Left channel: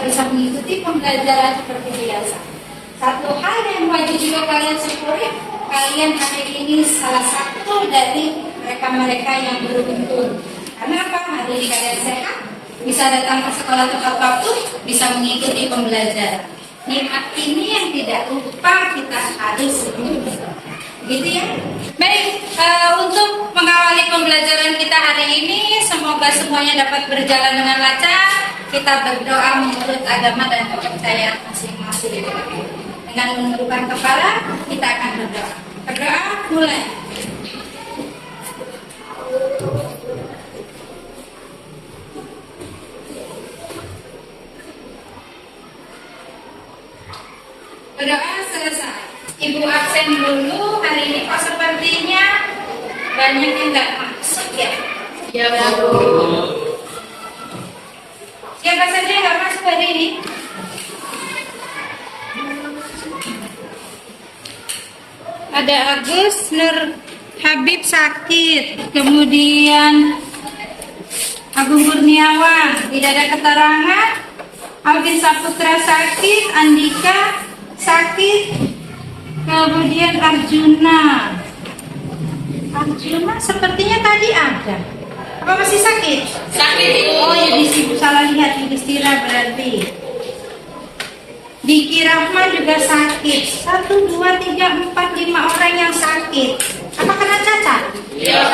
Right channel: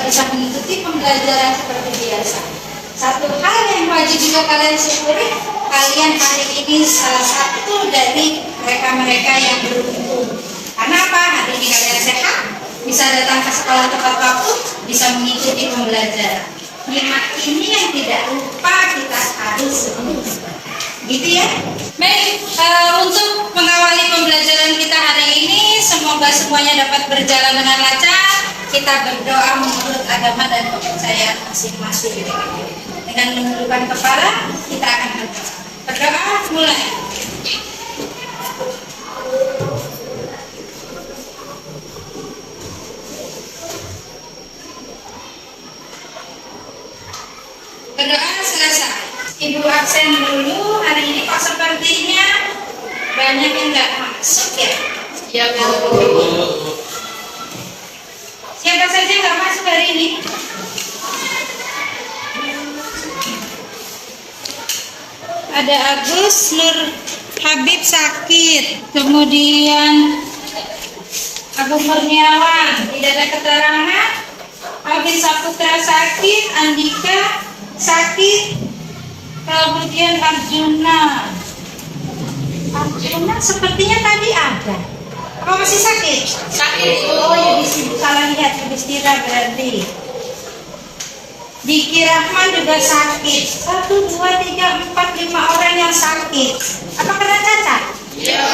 kita bisa mengikuti pembelajaran seperti biasa. Satu hal yang wajib juga kalian syukuri, kalian hari ini salah satu dari mereka-mereka yang beruntung. Karena apa? Hari ini kalian sehat, bisa datang ke sekolah tepat waktu, bisa mengikuti pembelajaran. Nikmat ini yang tidak lupa kita harus syukuri. Gitu ya. Baik, untuk mengawali pembelajaran kita hari ini, semoga semuanya dapat berjalan dengan lancar. Kita berdoa menurut agama dan kepercayaan masing-masing. Dengan menundukkan kepala, kita akan berdoa. Berdoa mulai. Berdoa selesai. Ibu absen dulu. Hari ini kok sepertinya banyak yang nggak masuk ya? Ya Bu. Siapa saja nggak masuk hari ini? Ada Agus Nur Habib sakit, kemudian Agung Kurniawan tidak ada keterangan, Alvin Saputra sakit, Andika sakit, kemudian Arjuna sepertinya tadi ada. Apa masih sakit? Sakit. Oh ya, salah lihat, Yudhistira berarti. Diki Rahman juga sakit. 1, 2, 3, 4, 5 orang yang sakit. Apa kena cacat? Ya.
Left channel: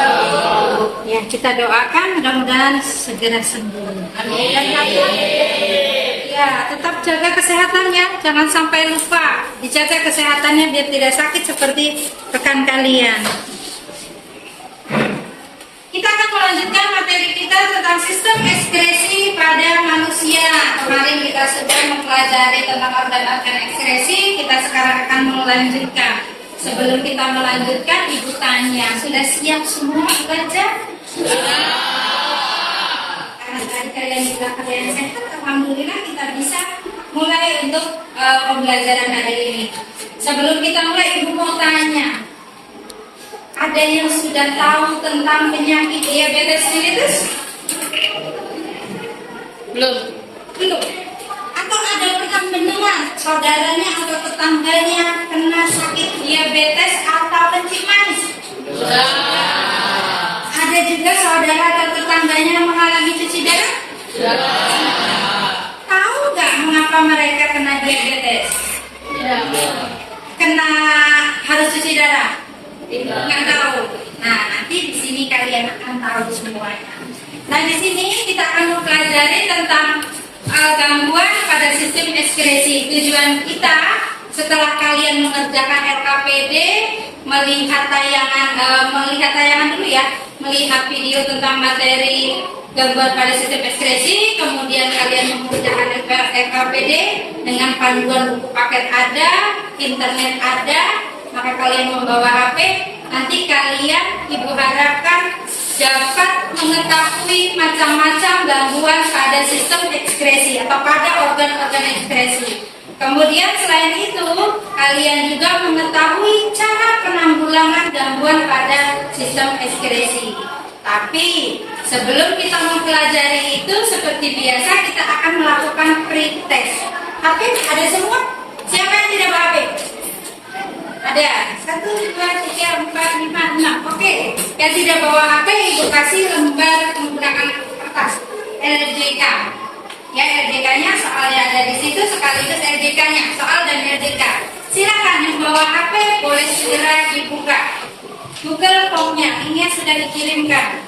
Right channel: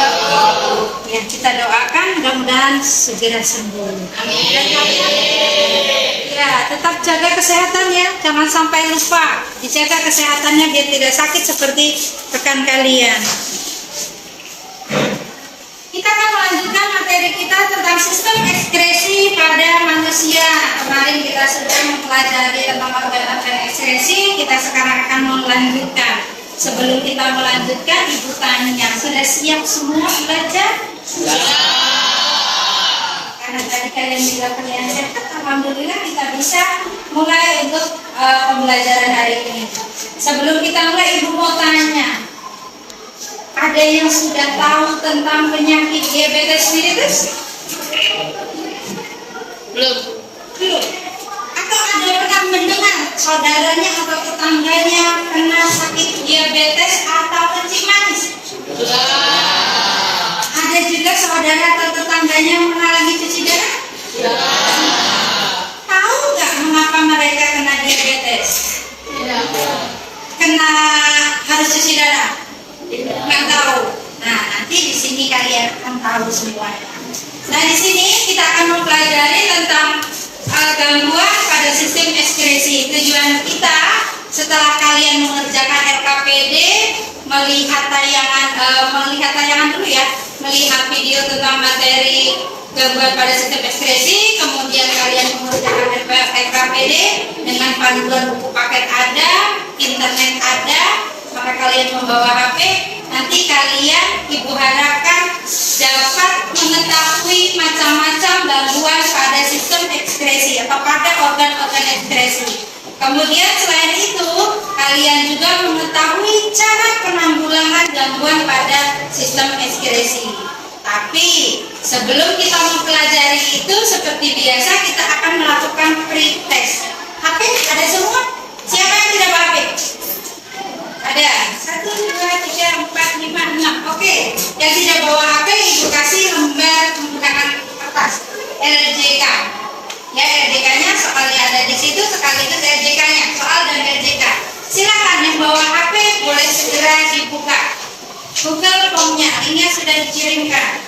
Ya, kita doakan mudah-mudahan segera sembuh. Amin. Ya, tetap jaga kesehatannya. Jangan sampai lupa dijaga kesehatannya biar tidak sakit seperti rekan kalian. Kita akan melanjutkan materi kita tentang sistem ekskresi pada manusia. Kemarin kita sudah mempelajari tentang organ-organ ekskresi. Kita sekarang akan melanjutkan. Sebelum kita melanjutkan, Ibu tanya, sudah siap semua belajar? Siap. Karena tadi kalian juga kalian sehat, alhamdulillah kita bisa mulai untuk pembelajaran hari ini. Sebelum kita mulai, Ibu mau tanya. Ada yang sudah tahu tentang penyakit diabetes mellitus? Belum. Atau ada yang pernah mendengar saudaranya atau tetangganya kena sakit diabetes atau kencing manis? Sudah. Ada juga saudara atau tetangganya mengalami cuci darah? Sudah. Tahu nggak mengapa mereka kena diabetes? Kena harus cuci darah? Nggak tahu. Nah, nanti di sini kalian akan tahu semuanya. Nah, di sini kita akan mempelajari tentang gangguan pada sistem ekskresi. Tujuan kita setelah kalian mengerjakan LKPD, melihat tayangan dulu ya, melihat video tentang materi gangguan pada sistem ekskresi, kemudian kalian mengerjakan LKPD dengan panduan buku paket ada, internet ada. Maka kalian membawa HP, nanti kalian Ibu harapkan dapat mengetahui macam-macam gangguan pada sistem ekskresi atau pada organ-organ ekskresi. Kemudian selain itu, kalian juga mengetahui cara penanggulangan gangguan pada sistem ekskresi. Tapi sebelum kita mempelajari itu, seperti biasa kita akan melakukan pre-test. HP ada semua? Siapa yang tidak bawa HP? Ada 1, 2, 3, 4, 5, 6. Oke. Yang tidak bawa HP, Ibu kasih lembar menggunakan kertas LJK. Ya, LJK-nya soalnya ada di situ, sekaligus LJK-nya, soal dan LJK. Silakan yang bawa HP boleh segera dibuka. Google Form-nya, linknya sudah dikirimkan.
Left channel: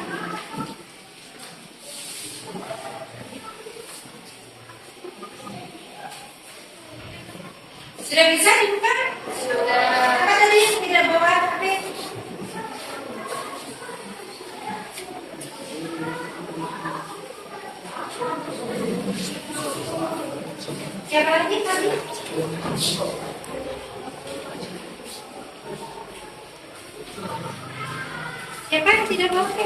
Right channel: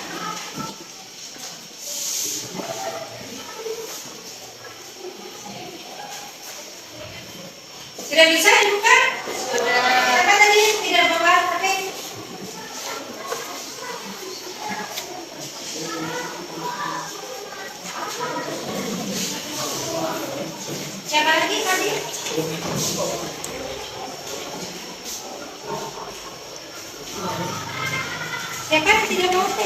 Sudah bisa dibuka? Sudah. Apa tadi tidak bawa HP? Siapa lagi tadi? Siapa yang tidak bawa HP?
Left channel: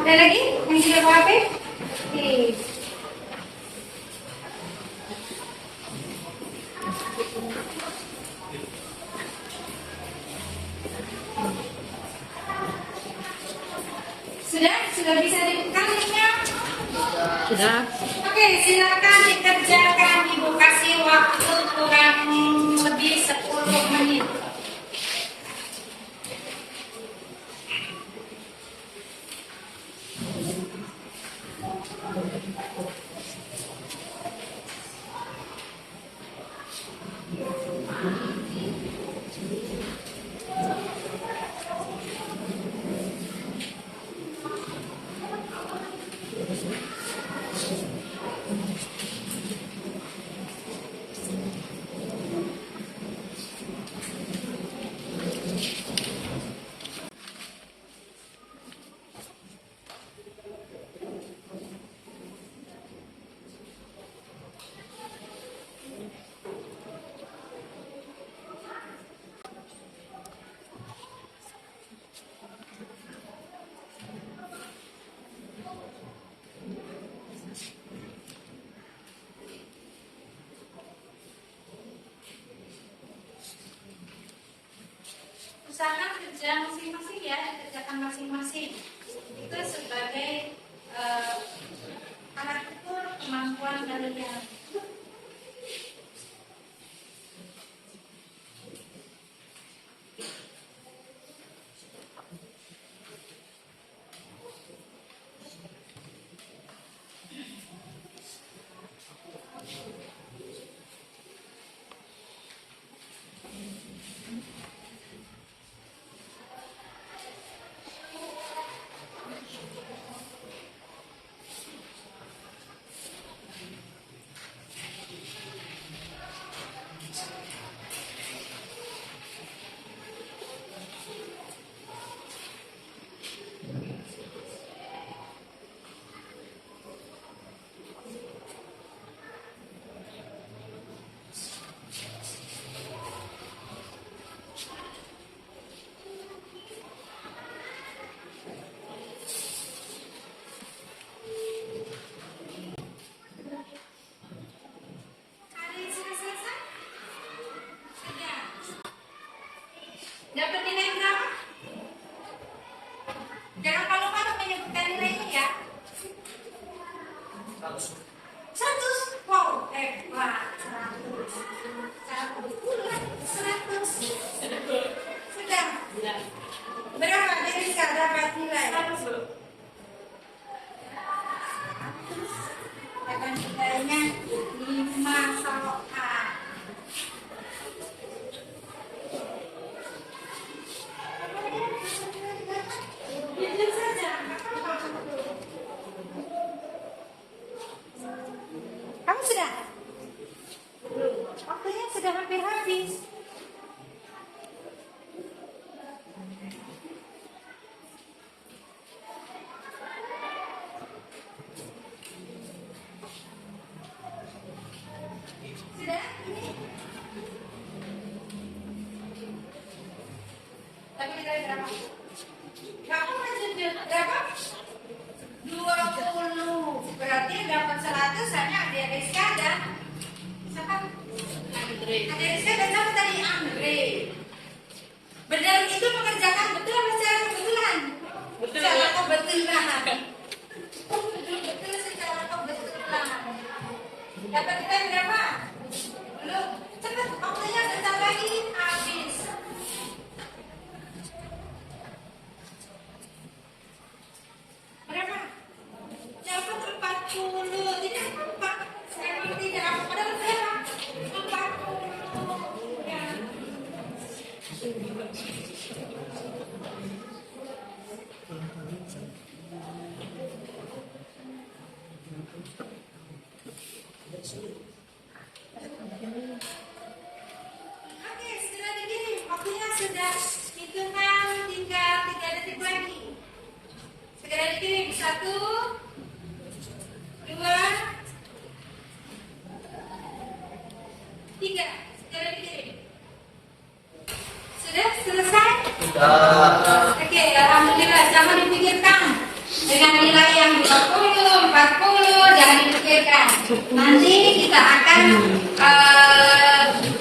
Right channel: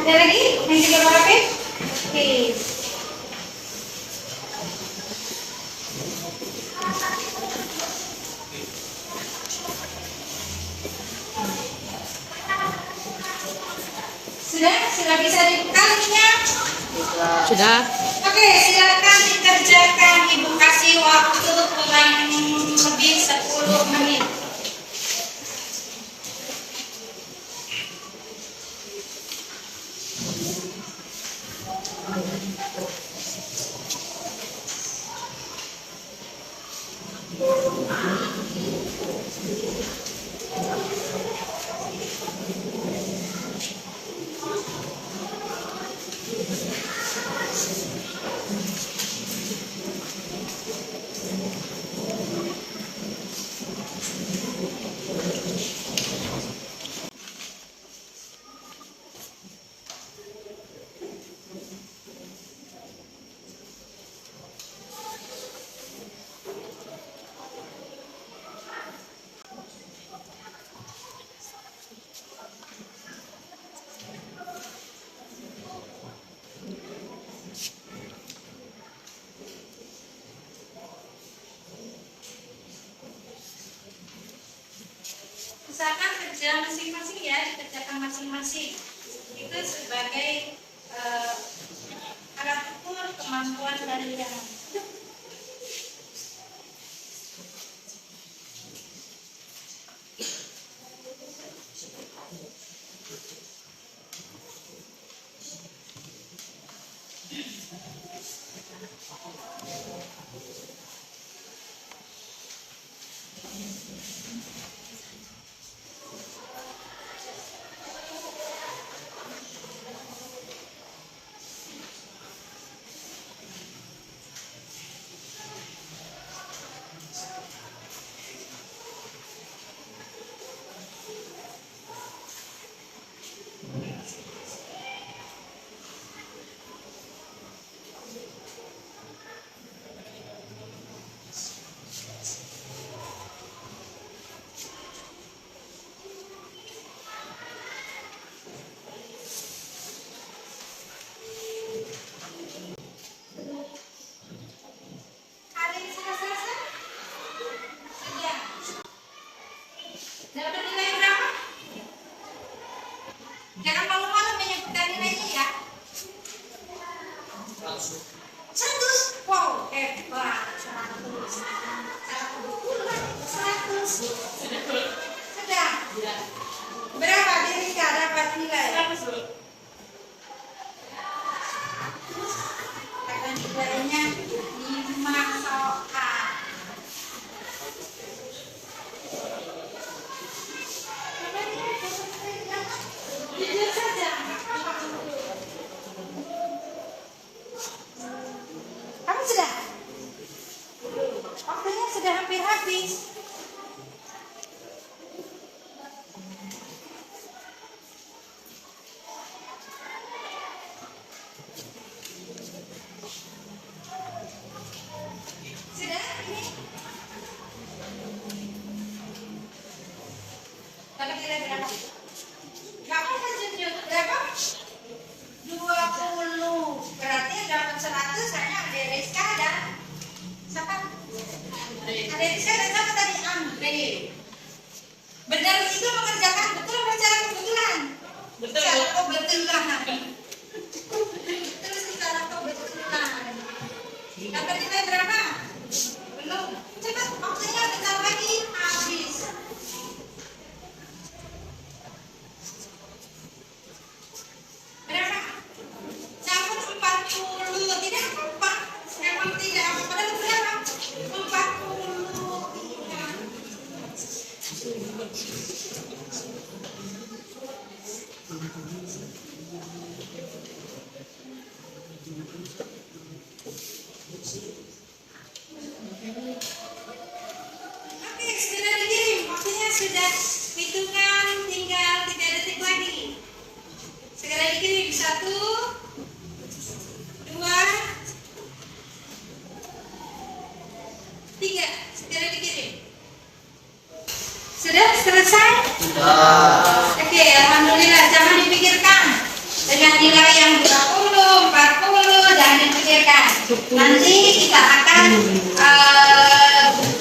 Ada lagi yang tidak bawa HP? Oke. Sudah bisa dibuka linknya? Sudah. Oke, silakan dikerjakan. Ibu kasih waktu kurang lebih 10 menit. Usahakan kerja masing-masing ya, dikerjakan masing-masing. Itu sebagai alat ukur kemampuan kalian. Ada yang sudah selesai? Sudah. Dapat nilai berapa? Jangan malu-malu menyebutkan nilainya ya. 100. Wow, hebat. 100. 100. Sudah. Berapa Dirika dapat nilai? 100. Dapat nilainya 5 soal. Jujur saja. Kamu sudah? Waktunya sudah hampir habis. Sudah? Ini? Dapat nilai berapa? Kamu masih berapa? 20. Berarti dapat 100 hanya ada Rizka dan siapa? Ada Rizka dan siapa tadi? Andre. Benar itu mengerjakan betul apa secara kebetulan? Betul. Secara kebetulan. Betul secara kebetulan. Dapat nilai berapa? Belum. Cepat waktunya bentar lagi habis. Berapa? Dapat 40. Tidak apa? Emang tidak apa? Padahal berapa? 40. Iya. Oke, sudah dikirim. Waktunya sudah hitungan tinggal 3 detik lagi. Segera dikirim. 1, 2, 3. Segera dikirim. Sudah selesai? Oke, alhamdulillah. Jangan dipikirkan. Dengan nilai yang 20, 40, jangan dipikirkan. Nanti kita akan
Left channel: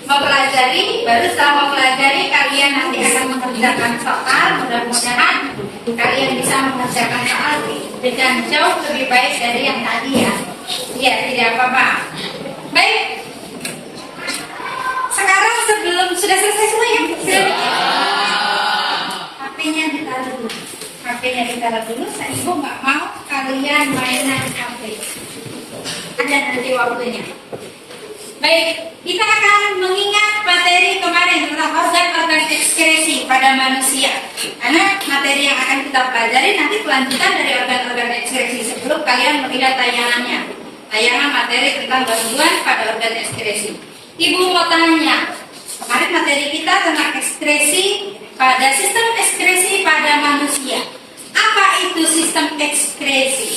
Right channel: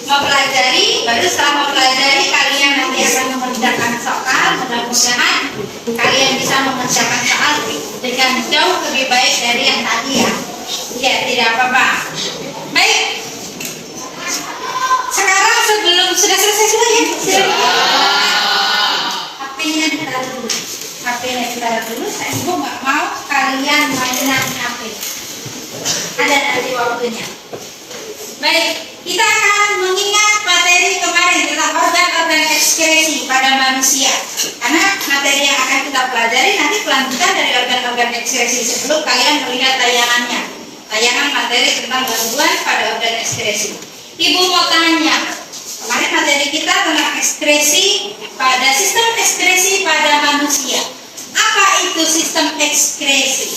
mempelajari, baru setelah mempelajari kalian nanti akan mengerjakan soal soal, mudah-mudahan kalian bisa mengerjakan soal dengan jauh lebih baik dari yang tadi ya. Iya, tidak apa-apa. Baik. Sekarang sebelum sudah selesai semua ya, sudah HP-nya ditaruh dulu. HP-nya ditaruh dulu. Saya ibu nggak mau kalian mainan HP. Ada nanti waktunya. Baik, kita akan mengingat materi kemarin tentang organ-organ ekskresi pada manusia. Karena materi yang akan kita pelajari nanti kelanjutan dari organ-organ ekskresi sebelum kalian melihat tayangannya. Tayangan materi tentang gangguan pada organ ekskresi. Ibu mau tanya, kemarin materi kita tentang ekskresi pada sistem ekskresi pada manusia. Apa itu sistem ekskresi?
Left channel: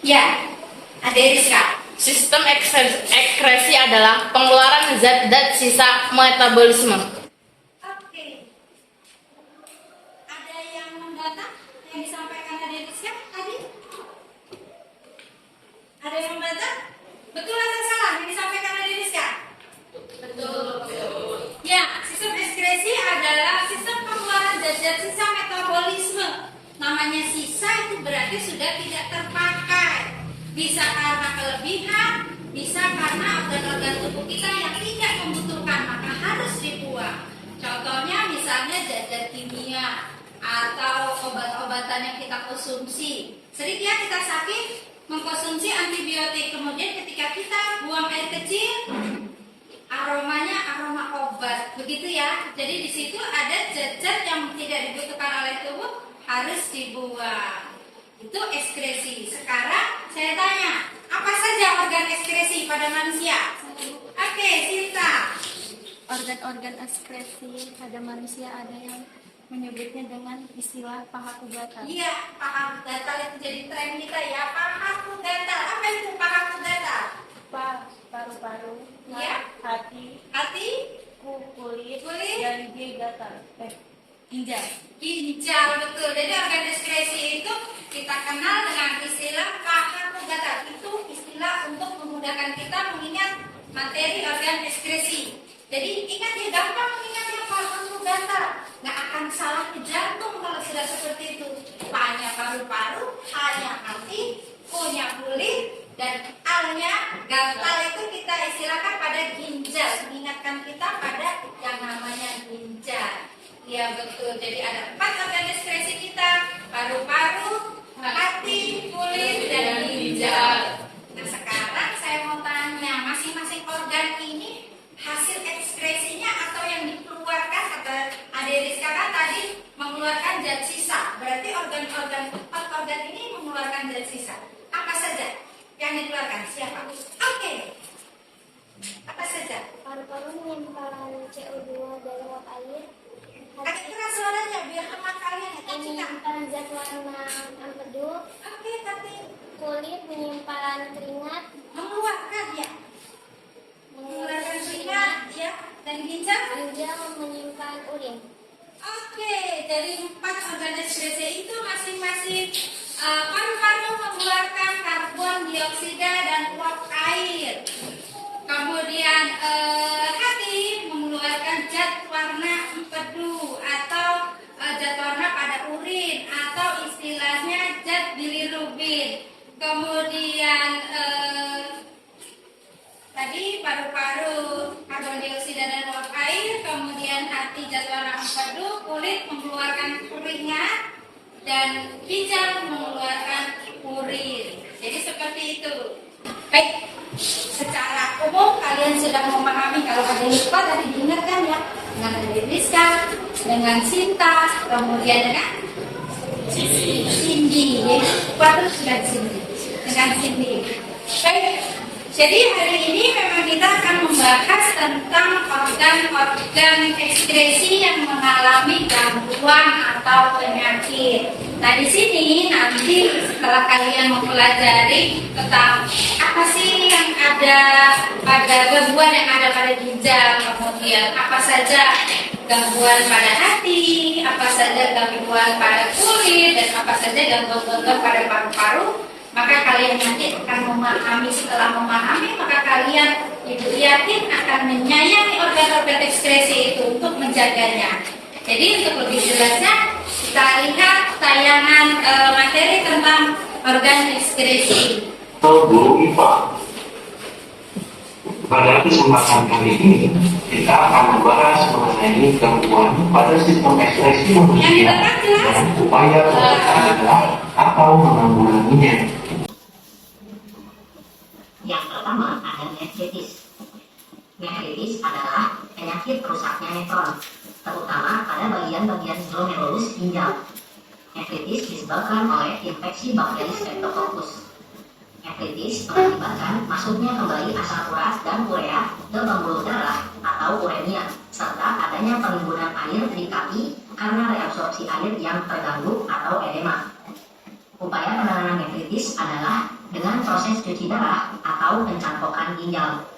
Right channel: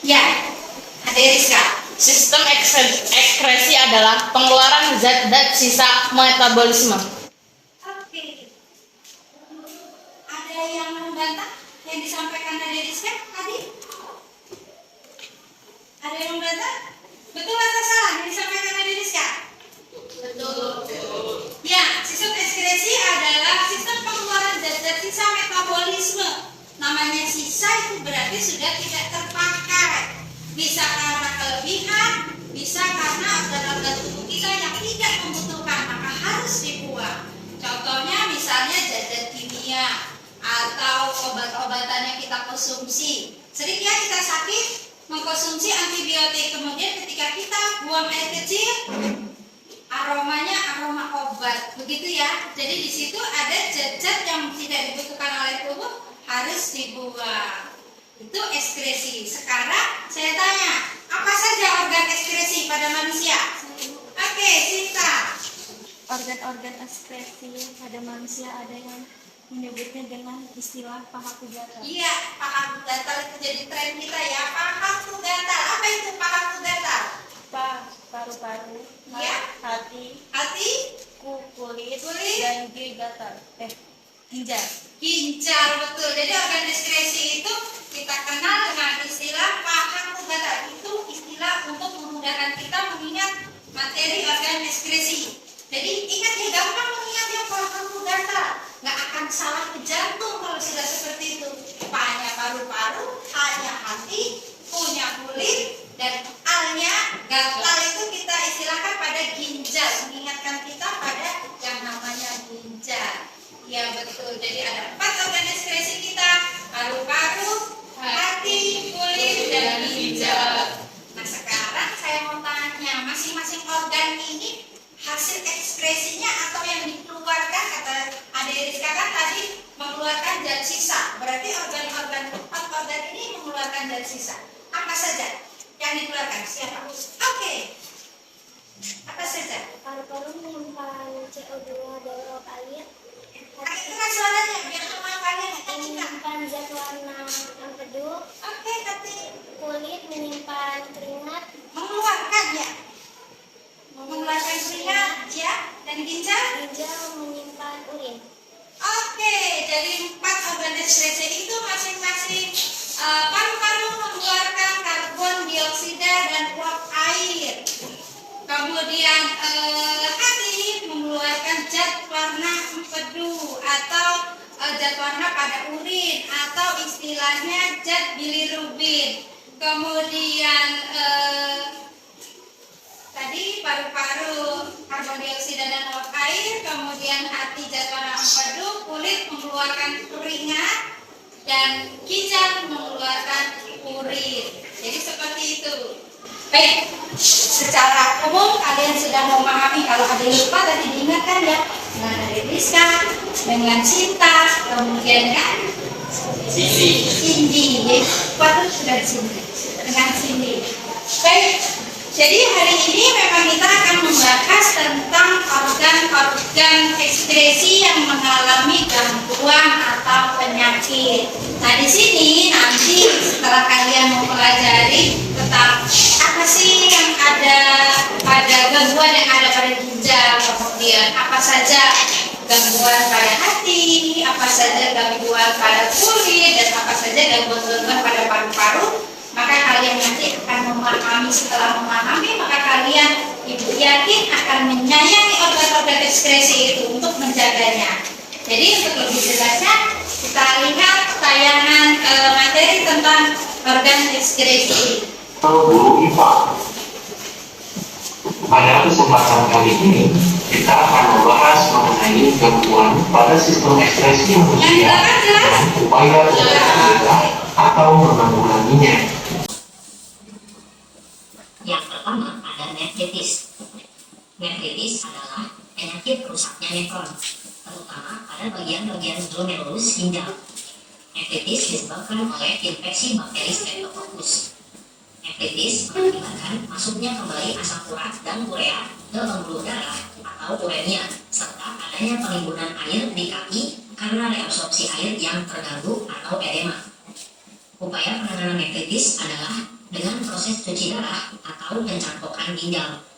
Ya, Aderiska. Sistem ekskresi adalah pengeluaran zat-zat sisa metabolisme. Oke. Ada yang membantah yang disampaikan Aderiska tadi? Ada yang membantah? Betul atau salah yang disampaikan Aderiska? Betul. Ya, sistem ekskresi adalah sistem pengeluaran zat-zat sisa metabolisme. Namanya sisa itu berarti sudah tidak terpakai. Bisa karena kelebihan, bisa karena organ-organ tubuh kita yang tidak membutuhkan, maka harus dibuang. Contohnya misalnya zat-zat kimia atau obat-obatan yang kita konsumsi. Sering ya kita sakit mengkonsumsi antibiotik, kemudian ketika kita buang air kecil, aromanya aroma obat, begitu ya. Jadi di situ ada zat-zat yang tidak dibutuhkan oleh tubuh harus dibuang. Itu ekskresi. Sekarang saya tanya, apa saja organ ekskresi pada manusia? Oke, Sinta. Organ-organ ekskresi pada manusia ada yang menyebutnya dengan istilah pahaku gatal. Iya, pahaku gatal itu jadi tren kita ya. Pahaku gatal. Apa itu pahaku gatal? Paru-paru, Iya. hati, kulit, Kulit. dan gatal. Ginjal. Ginjal, betul. Jadi organ ekskresi itu kita kenal dengan istilah pahaku gatal. Itu istilah untuk memudahkan kita mengingat materi organ ekskresi. Jadi ingat ya, gampang mengingatnya pahaku gatal. Nggak akan salah ke jantung kalau sudah seperti itu. Pa-nya paru-paru, H-nya hati, Q-nya kulit, dan A-nya gatal itu kita istilahkan pada ginjal. Mengingatkan kita pada yang namanya ginjal. Ya betul, jadi ada 4 organ ekskresi kita, paru-paru, hati, kulit, dan ginjal. Nah sekarang saya mau tanya, masing-masing organ ini hasil ekskresinya atau yang dikeluarkan, kata Aderiska kan tadi mengeluarkan zat sisa, berarti organ-organ 4 organ ini mengeluarkan zat sisa. Apa saja yang dikeluarkan? Siapa? Oke. Apa saja? Paru-paru menyimpan CO2 dalam uap air. Agak keras suaranya biar teman kalian nggak kencang. Menyimpan zat warna empedu. Oke, tapi Kulit menyimpan keringat. mengeluarkan ya, mengeluarkan keringat ya, dan ginjal. Ginjal menyimpan urin. Oke, jadi 4 organ ekskresi itu masing-masing paru-paru mengeluarkan karbon dioksida dan uap air. Kemudian hati mengeluarkan zat warna empedu atau zat warna pada urin atau istilahnya zat bilirubin. Kemudian tadi paru-paru karbon dioksida dan uap air, kemudian hati zat warna empedu, kulit mengeluarkan keringat, dan ginjal mengeluarkan urin. Jadi seperti itu. Baik, secara umum kalian sudah memahami. Kalau ada lupa tadi diingatkan ya, dengan Aderiska, dengan Cinta, kemudian dengan Cindy. Jadi patut sudah di sini dengan Cindy. Baik, jadi hari ini memang kita akan membahas tentang organ-organ ekskresi yang mengalami gangguan atau penyakit. Nah di sini nanti setelah kalian mempelajari tentang apa sih yang ada pada gangguan yang ada pada ginjal, kemudian apa saja gangguan pada hati, apa saja gangguan pada kulit, dan apa saja gangguan-gangguan pada paru-paru, maka kalian nanti akan memahami. Setelah memahami, maka kalian ibu yakin akan menyayangi organ-organ ekskresi itu untuk menjaganya. Jadi untuk lebih jelasnya kita lihat tayangan materi tentang organ ekskresi. Guru IPA. Pada kesempatan kali ini kita akan membahas mengenai gangguan pada sistem ekspresi manusia dan upaya mencegah atau menanggulanginya. Yang pertama ada nefritis. Nefritis adalah penyakit rusaknya nefron, terutama pada bagian-bagian glomerulus ginjal. Nefritis disebabkan oleh infeksi bakteri Streptococcus. Nefritis mengakibatkan masuknya kembali asam urat dan urea ke pembuluh darah atau uremia, serta adanya penimbunan air di kaki karena reabsorpsi air yang terganggu atau edema. Upaya penanganan nefritis adalah dengan proses cuci darah atau pencangkokan ginjal.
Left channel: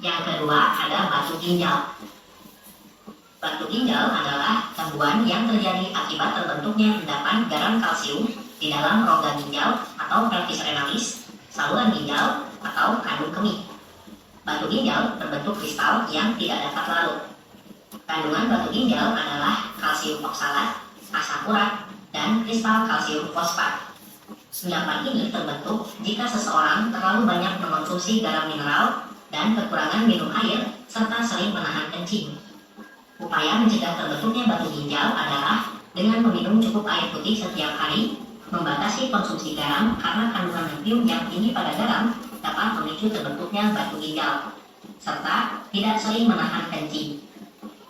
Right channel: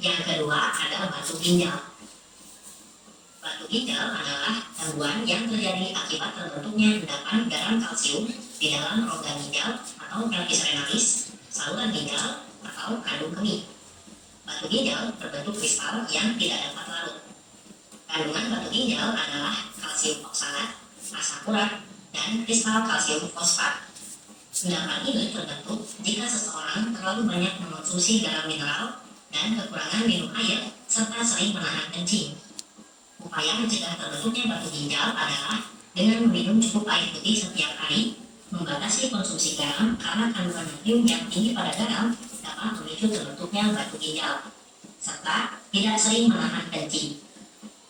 Yang kedua ada batu ginjal. Batu ginjal adalah gangguan yang terjadi akibat terbentuknya endapan garam kalsium di dalam rongga ginjal atau pelvis renalis, saluran ginjal, atau kandung kemih. Batu ginjal terbentuk kristal yang tidak dapat larut. Kandungan batu ginjal adalah kalsium oksalat, asam urat, dan kristal kalsium fosfat. Endapan ini terbentuk jika seseorang terlalu banyak mengonsumsi garam mineral dan kekurangan minum air serta sering menahan kencing. Upaya mencegah terbentuknya batu ginjal adalah dengan meminum cukup air putih setiap hari, membatasi konsumsi garam karena kandungan natrium yang tinggi pada garam dapat memicu terbentuknya batu ginjal, serta tidak sering menahan kencing.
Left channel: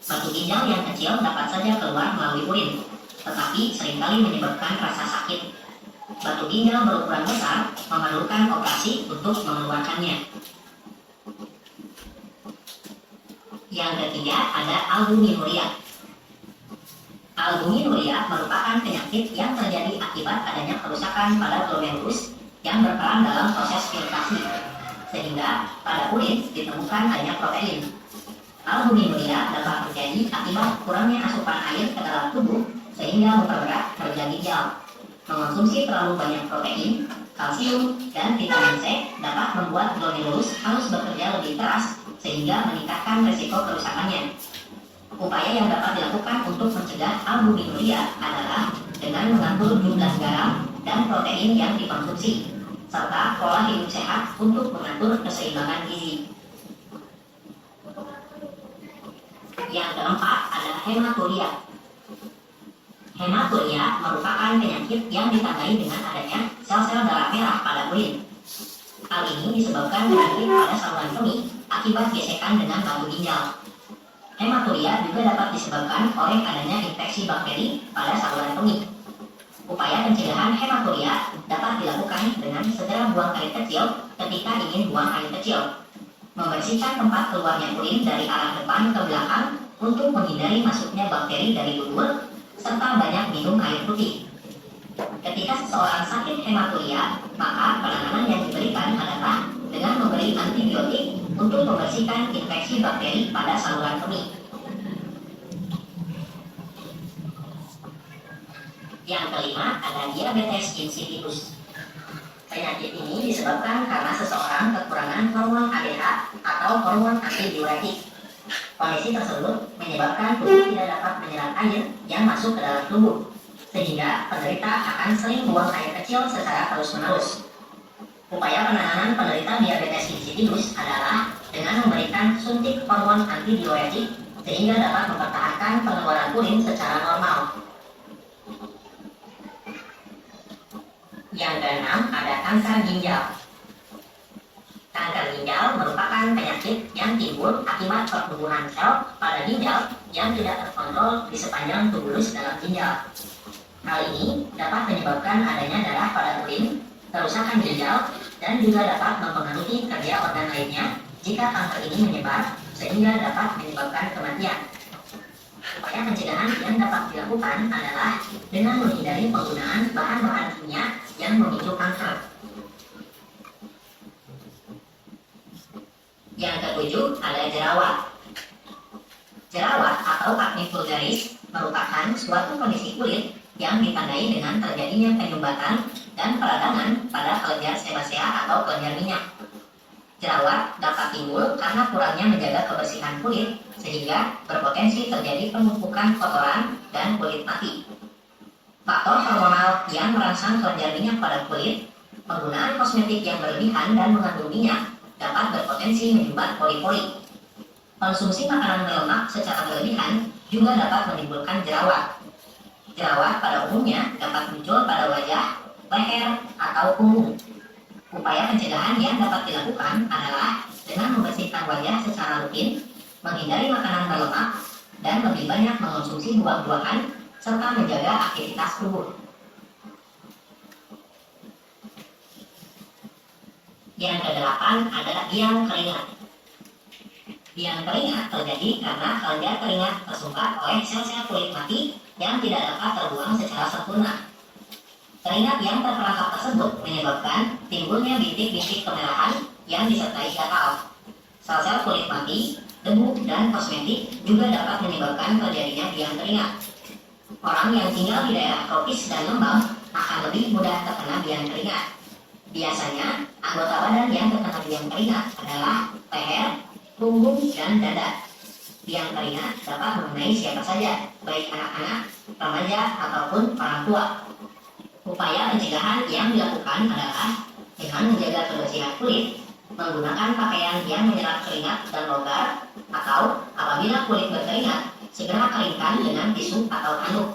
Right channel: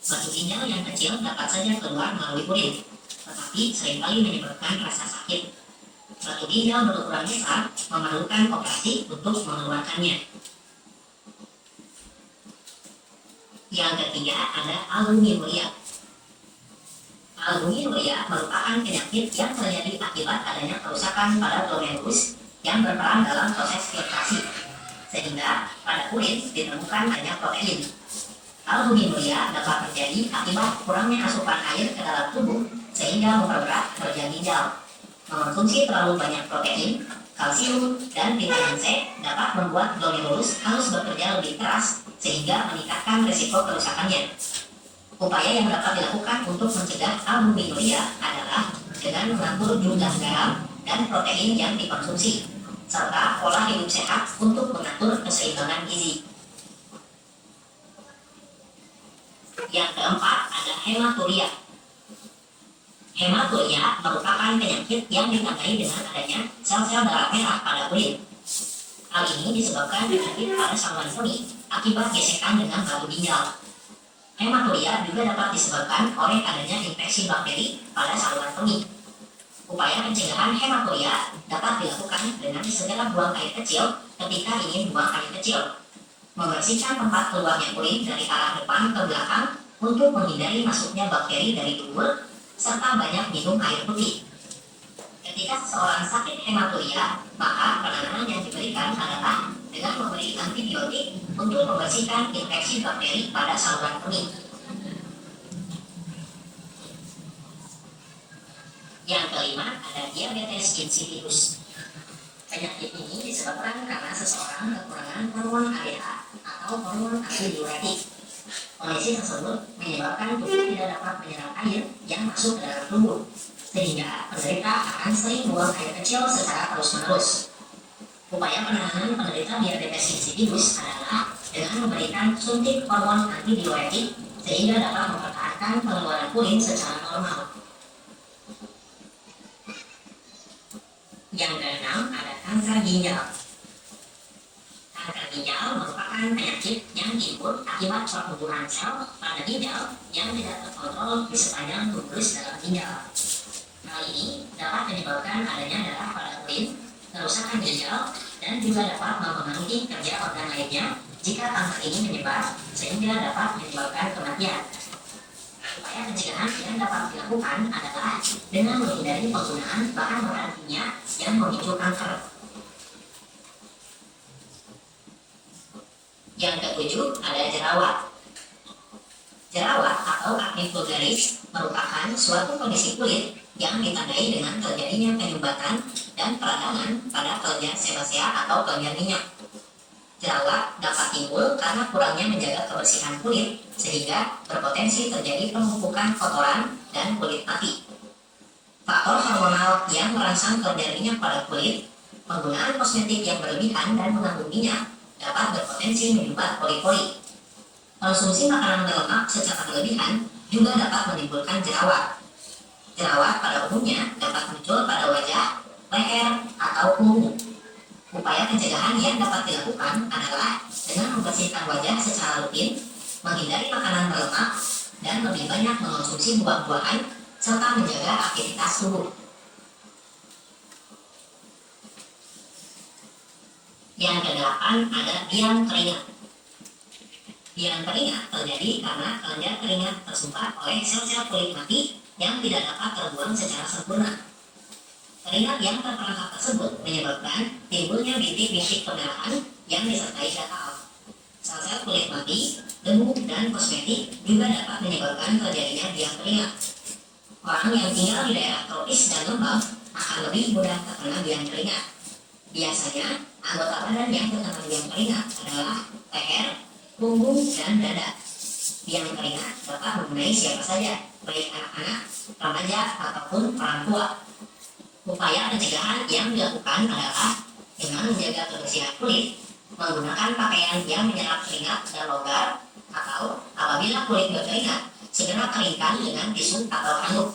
Batu ginjal yang kecil dapat saja keluar melalui urin, tetapi seringkali menyebabkan rasa sakit. Batu ginjal berukuran besar memerlukan operasi untuk mengeluarkannya. Yang ketiga ada albuminuria. Albuminuria merupakan penyakit yang terjadi akibat adanya kerusakan pada glomerulus yang berperan dalam proses filtrasi, sehingga pada urin ditemukan adanya protein. Albuminuria dapat terjadi akibat kurangnya asupan air ke dalam tubuh sehingga memperberat kerja ginjal. Mengonsumsi terlalu banyak protein, kalsium, dan vitamin C dapat membuat glomerulus harus bekerja lebih keras sehingga meningkatkan risiko kerusakannya. Upaya yang dapat dilakukan untuk mencegah albuminuria adalah dengan mengatur jumlah garam dan protein yang dikonsumsi, serta pola hidup sehat untuk mengatur keseimbangan gizi. Yang keempat ada hematuria. Hematuria merupakan penyakit yang ditandai dengan adanya sel-sel darah merah pada kulit. Hal ini disebabkan penyakit pada saluran kemih akibat gesekan dengan batu ginjal. Hematuria juga dapat disebabkan oleh adanya infeksi bakteri pada saluran kemih. Upaya pencegahan hematuria dapat dilakukan dengan segera buang air kecil ketika ingin buang air kecil. Membersihkan tempat keluarnya urin dari arah depan ke belakang untuk menghindari masuknya bakteri dari dubur, serta banyak minum air putih. Ketika seseorang sakit hematuria, maka penanganan yang diberikan adalah dengan memberi antibiotik untuk membersihkan infeksi bakteri pada saluran kemih. Yang kelima ada diabetes insipidus. Penyakit ini disebabkan karena seseorang kekurangan hormon ADH atau hormon antidiuretik. Kondisi tersebut menyebabkan tubuh tidak dapat menyerap air yang masuk ke dalam tubuh, sehingga penderita akan sering buang air kecil secara terus-menerus. Upaya penanganan penderita diabetes insipidus adalah dengan memberikan suntik hormon antidiuretik sehingga dapat mempertahankan pengeluaran urin secara normal. Yang keenam ada kanker ginjal. Kanker ginjal merupakan penyakit yang timbul akibat pertumbuhan sel pada ginjal yang tidak terkontrol di sepanjang tubulus dalam ginjal. Hal ini dapat menyebabkan adanya darah pada urin, kerusakan ginjal, dan juga dapat mempengaruhi kerja organ lainnya jika kanker ini menyebar sehingga dapat menyebabkan kematian. Upaya pencegahan yang dapat dilakukan adalah dengan menghindari penggunaan bahan-bahan kimia yang memicu kanker. Yang ketujuh ada jerawat. Jerawat atau acne vulgaris merupakan suatu kondisi kulit yang ditandai dengan terjadinya penyumbatan dan peradangan pada kelenjar sebasea atau kelenjar minyak. Jerawat dapat timbul karena kurangnya menjaga kebersihan kulit, sehingga berpotensi terjadi penumpukan kotoran dan kulit mati. Faktor hormonal yang merangsang kelenjar minyak pada kulit, penggunaan kosmetik yang berlebihan dan mengandung minyak dapat berpotensi menyumbat pori-pori. Konsumsi makanan berlemak secara berlebihan juga dapat menimbulkan jerawat. Jerawat pada umumnya dapat muncul pada wajah, leher, atau punggung. Upaya pencegahan yang dapat dilakukan adalah dengan membersihkan wajah secara rutin, menghindari makanan berlemak, dan lebih banyak mengonsumsi buah-buahan, serta menjaga aktivitas tubuh. Yang kedelapan adalah biang keringat. Biang keringat terjadi karena kelenjar keringat tersumbat oleh sel-sel kulit mati yang tidak dapat terbuang secara sempurna. Keringat yang terperangkap tersebut menyebabkan timbulnya bintik-bintik kemerahan yang disertai gatal. Sel-sel kulit mati, debu, dan kosmetik juga dapat menyebabkan terjadinya biang keringat. Orang yang tinggal di daerah tropis dan lembab akan lebih mudah terkena biang keringat. Biasanya, anggota badan yang terkena biang keringat adalah leher, punggung, dan dada. Biang keringat dapat mengenai siapa saja, baik anak-anak, remaja, ataupun orang tua. Upaya pencegahan yang dilakukan adalah dengan menjaga kebersihan kulit, menggunakan pakaian yang menyerap keringat dan longgar, atau apabila kulit berkeringat, segera keringkan dengan tisu atau handuk.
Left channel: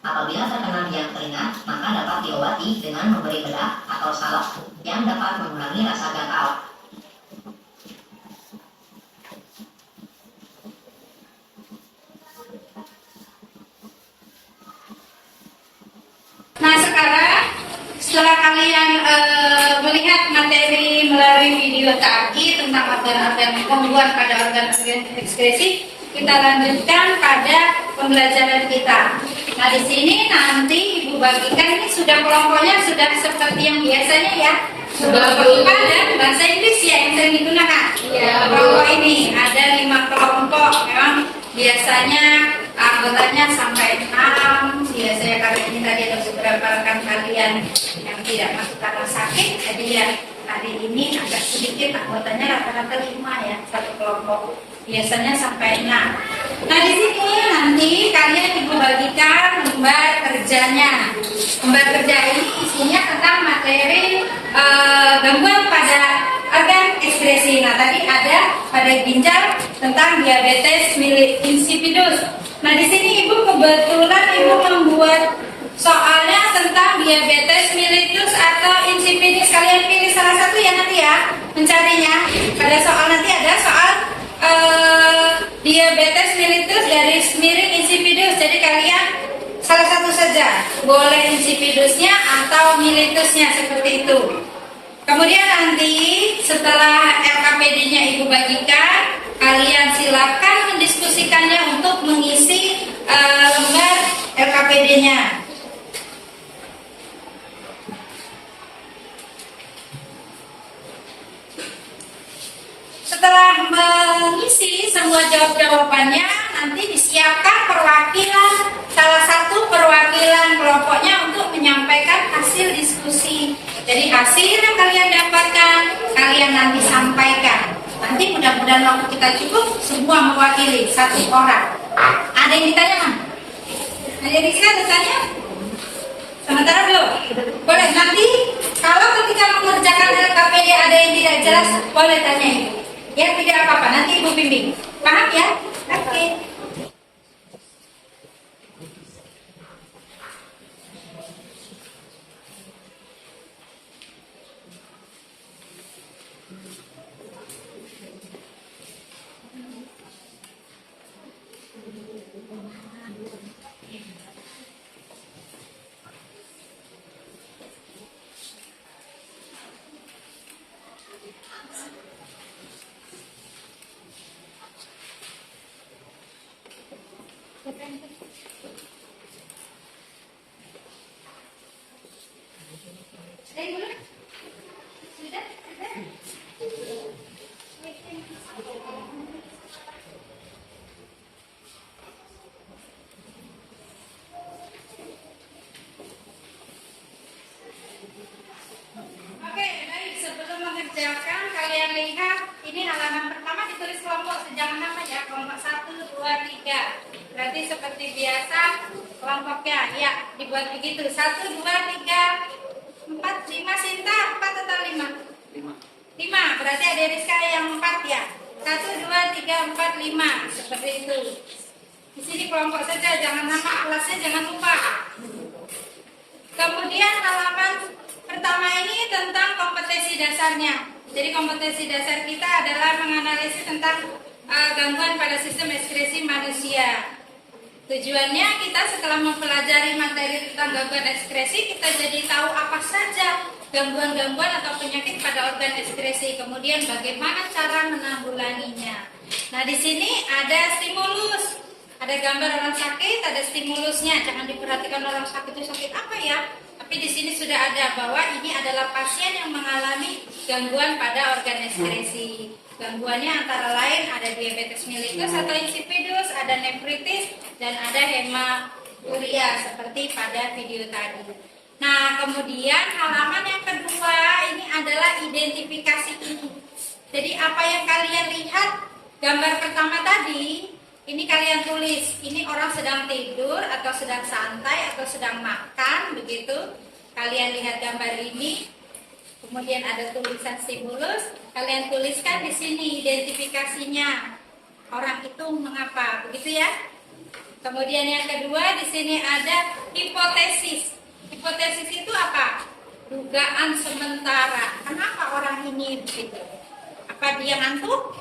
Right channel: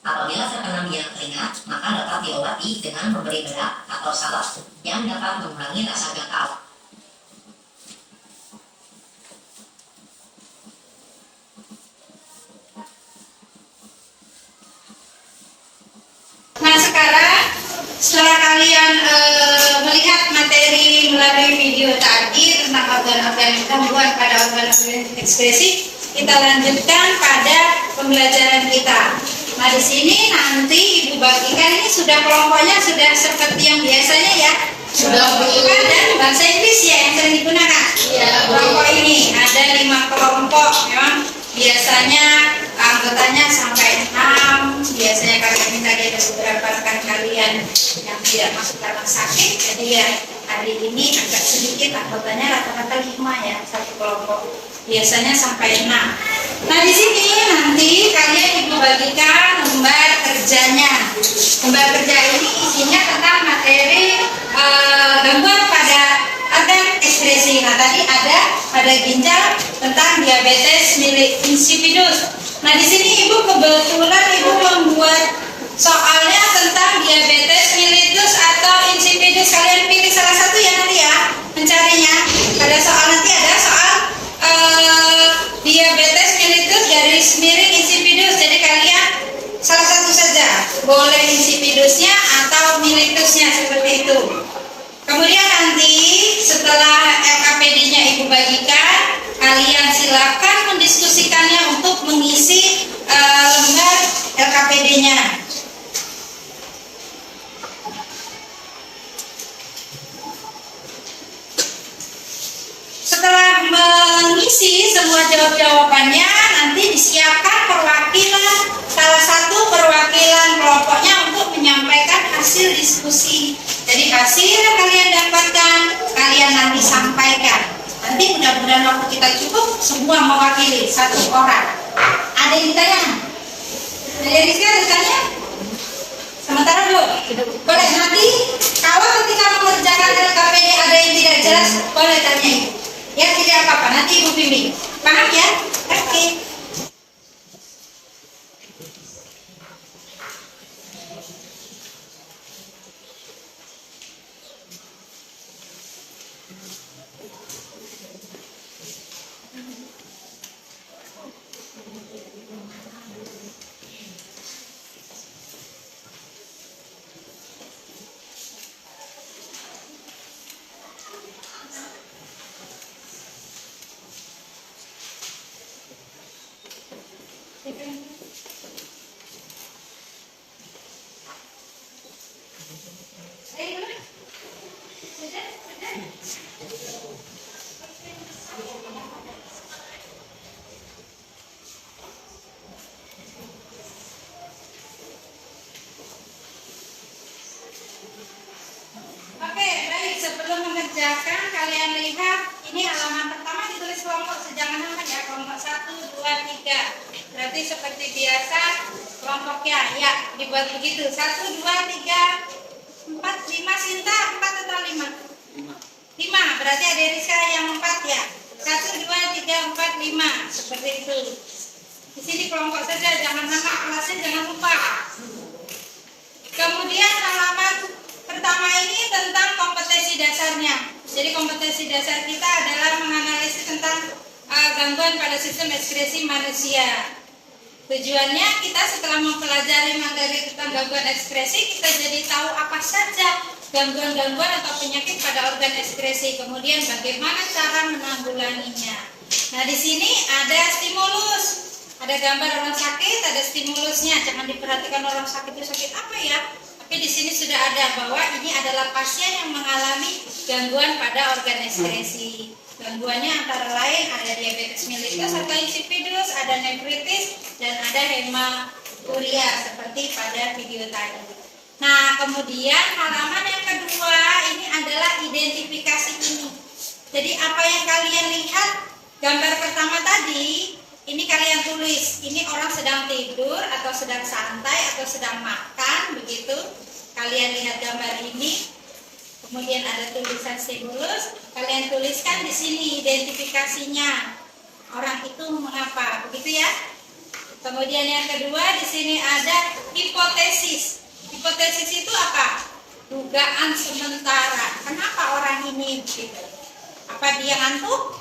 Apabila terkena biang keringat, maka dapat diobati dengan memberi bedak atau salep yang dapat mengurangi rasa gatal. Nah sekarang setelah kalian melihat materi melalui video tadi tentang organ-organ gangguan pada organ-organ ekskresi, kita lanjutkan pada pembelajaran kita. Nah di sini nanti Ibu bagikan, ini sudah kelompoknya sudah seperti yang biasanya ya. Sudah, Bu. IPA dan bahasa Inggris ya yang sering digunakan. Iya, Bu. Kelompok ini ada 5 kelompok, memang biasanya anggotanya sampai 6. Biasanya kalian minta ada beberapa rekan kalian yang tidak masuk karena sakit, jadi ya hari ini agak sedikit anggotanya rata-rata 5 ya satu kelompok. Biasanya sampai 6. Nah di sini nanti kalian Ibu bagikan lembar kerjanya. Lembar kerja ini isinya tentang materi gangguan pada organ ekskresi. Nah tadi ada pada ginjal tentang diabetes insipidus. Nah di sini Ibu kebetulan Ibu membuat soalnya tentang diabetes mellitus atau insipidus. Kalian pilih salah satu ya nanti ya mencarinya. Pada soal nanti ada soal diabetes mellitus garis miring insipidus. Jadi kalian salah satu saja, boleh insipidusnya atau mellitusnya seperti itu. Kemudian nanti setelah LKPD-nya Ibu bagikan, kalian silakan mendiskusikannya untuk mengisi lembar LKPD-nya. Setelah mengisi semua jawab-jawabannya, nanti disiapkan perwakilan, salah satu perwakilan kelompoknya untuk menyampaikan hasil diskusi. Jadi hasil yang kalian dapatkan, kalian nanti sampaikan. Nanti mudah-mudahan waktu kita cukup, semua mewakili satu orang. Ada yang ditanya? Ada Rizka ada tanya? Sementara belum? Boleh nanti kalau ketika mengerjakan LKPD ada yang tidak jelas, boleh tanya Ibu. Ya tidak apa-apa, nanti Ibu bimbing. Paham ya? Oke. Oke, baik. Sebelum mengerjakan, kalian lihat ya, kelompok 1, 2, 3. Berarti seperti biasa kelompoknya ya dibuat begitu. 1, 2, 3, 4, 5. Sinta 4 atau 5? 5. Berarti ada Rizka yang 4 ya. 1, 2, 3, 4, 5. Seperti itu. Di sini kelompok saja, jangan nama kelasnya jangan lupa. Kemudian halaman pertama ini tentang kompetensi dasarnya. Jadi kompetensi dasar kita adalah menganalisis tentang gangguan pada sistem ekskresi manusia. Tujuannya kita setelah mempelajari materi tentang gangguan ekskresi, kita jadi tahu apa saja gangguan-gangguan atau penyakit pada organ ekskresi. Kemudian bagaimana cara menanggulanginya. Nah, di sini ada stimulus. Ada gambar orang sakit, ada stimulusnya. Jangan diperhatikan orang sakit itu sakit apa ya. Tapi di sini sudah ada bahwa ini adalah pasien yang mengalami gangguan pada organ ekskresi. Gangguannya antara lain ada diabetes mellitus atau insipidus, ada nefritis, dan ada hematuria seperti pada video tadi. Nah, kemudian halaman yang kedua ini adalah identifikasi ini. Jadi apa yang kalian lihat gambar pertama tadi, ini kalian tulis, ini orang sedang tidur atau sedang santai atau sedang makan, begitu. Kalian lihat gambar ini, kemudian ada tulisan stimulus, kalian tuliskan di sini identifikasinya. Orang itu mengapa, begitu ya. Kemudian yang kedua di sini ada hipotesis. Hipotesis itu apa? Dugaan sementara. Kenapa orang ini begitu? Apa dia ngantuk?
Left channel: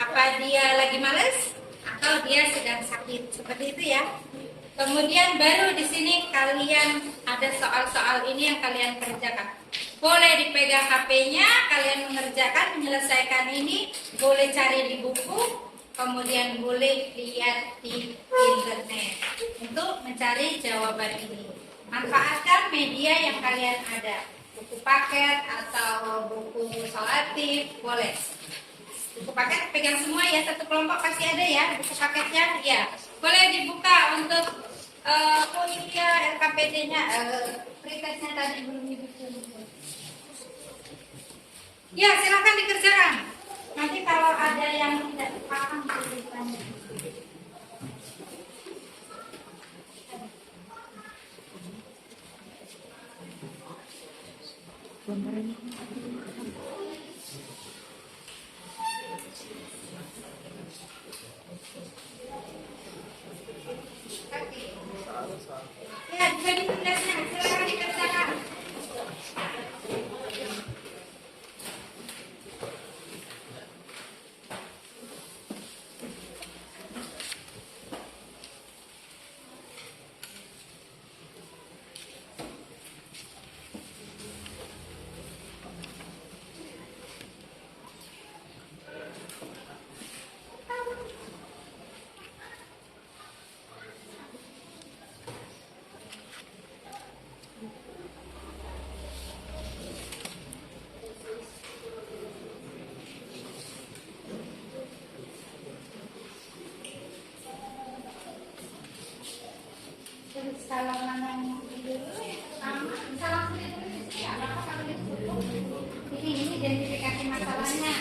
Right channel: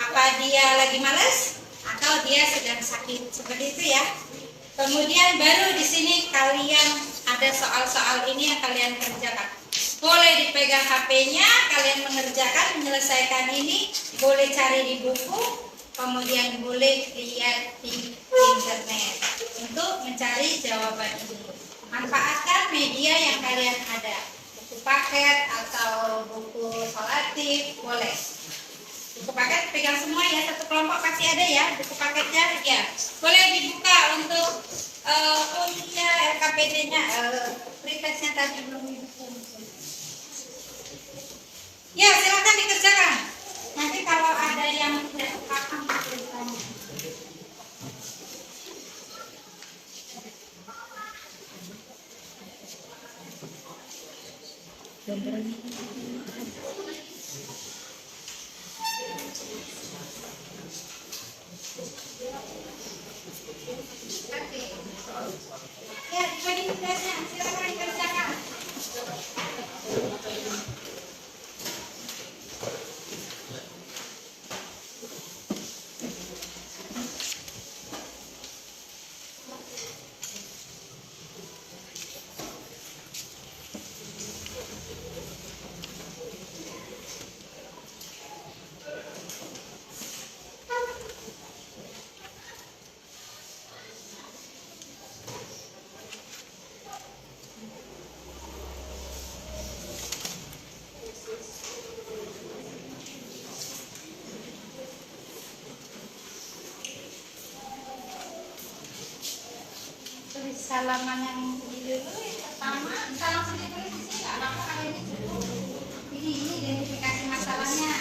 Apa dia lagi males? Atau dia sedang sakit, seperti itu ya. Kemudian baru di sini kalian ada soal-soal ini yang kalian kerjakan. Boleh dipegang HP-nya, kalian mengerjakan, menyelesaikan ini. Boleh cari di buku, kemudian boleh lihat di internet untuk mencari jawaban ini. Manfaatkan media yang kalian ada, buku paket atau buku solatif, boleh. Buku paket pegang semua ya, satu kelompok pasti ada ya buku paketnya ya. Boleh dibuka untuk oh iya LKPD-nya, pretestnya tadi belum dibuka. Ya silakan dikerjakan. Nanti kalau ada yang tidak paham beritahu. Ya, bagi tugasnya, silakan dikerjakan. Salaman yang dulu pertama, salam sendiri dulu sih, nggak apa-apa kalau ini cukup. Ini identifikasi masalahnya.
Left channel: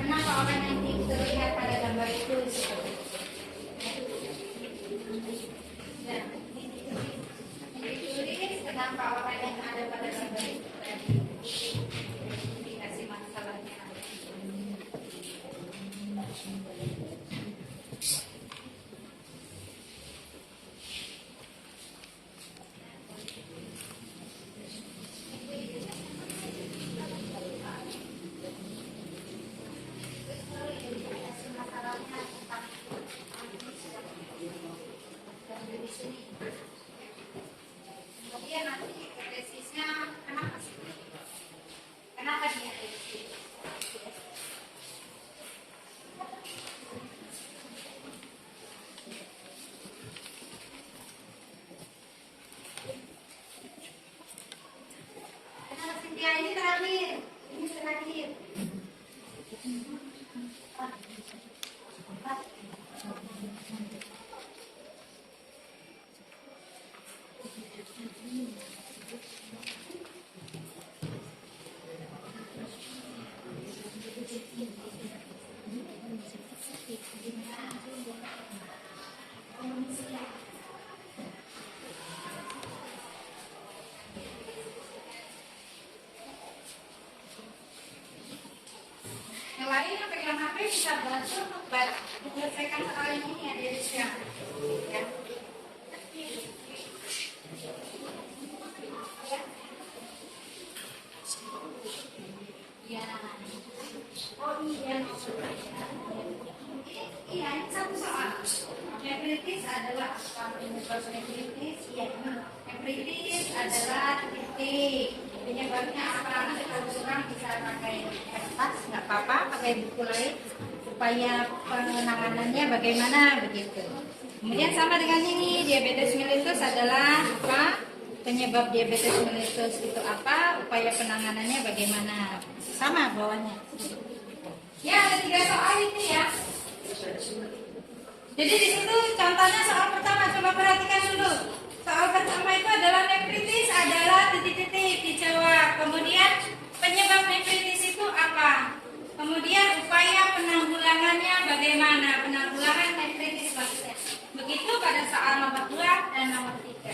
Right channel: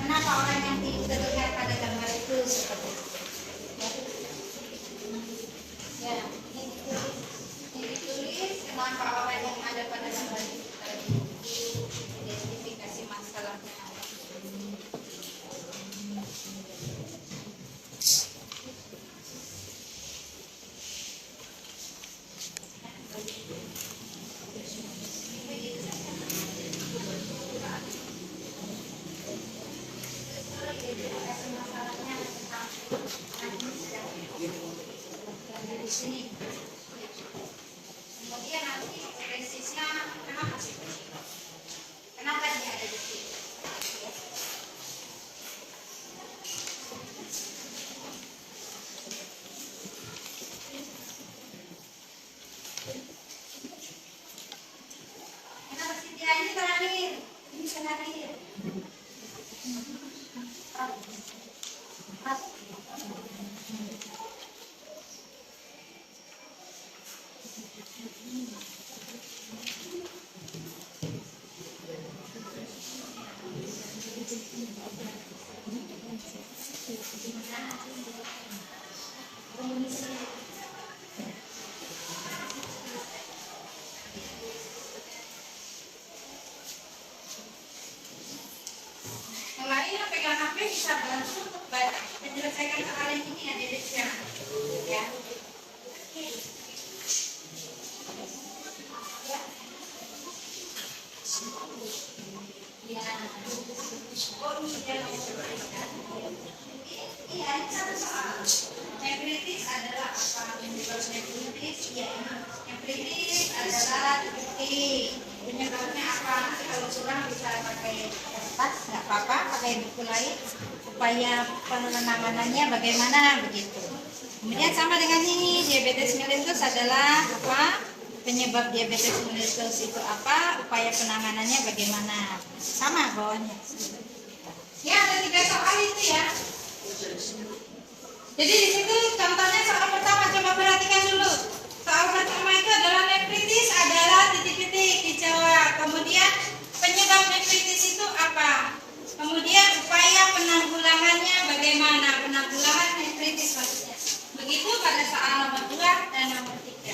Kenapa orang yang terlihat pada gambar itu seperti itu? Ya, ini ditulis kenapa orang yang ada pada gambar itu tadi. Identifikasi masalahnya. Di sini. Kemudian nanti presisnya kenapa sih? Kenapa dia ada di sini? Kenapa Cynthia ini terakhir? Ini terakhir. Yang lain yang pegang HP bisa bantu untuk menyelesaikan soal yang ini ya, Derisya. Ya. Ya. Oh iya. Iya, ini satu soal. Nefritis adalah apa? Penyebab nefritis? Iya, ini. Nefritis adalah titik. Penyebabnya apa? Nanti kalau kurang bisa pakai kertas, nggak apa-apa, pakai buku lain supaya penanganannya bagaimana begitu. Kemudian sama dengan ini, diabetes mellitus adalah apa? Penyebab diabetes mellitus itu apa? Upaya penanganannya bagaimana? Sama bawahnya. Ya, ada 3 soal itu ya. Jadi di situ contohnya soal pertama, coba perhatikan dulu. Soal pertama itu adalah nefritis adalah titik-titik dijawab. Kemudian penyebab nefritis itu apa? Kemudian upaya penanggulangannya bagaimana? Penanggulangan nefritis maksudnya. Begitu pada soal nomor 2 dan nomor 3.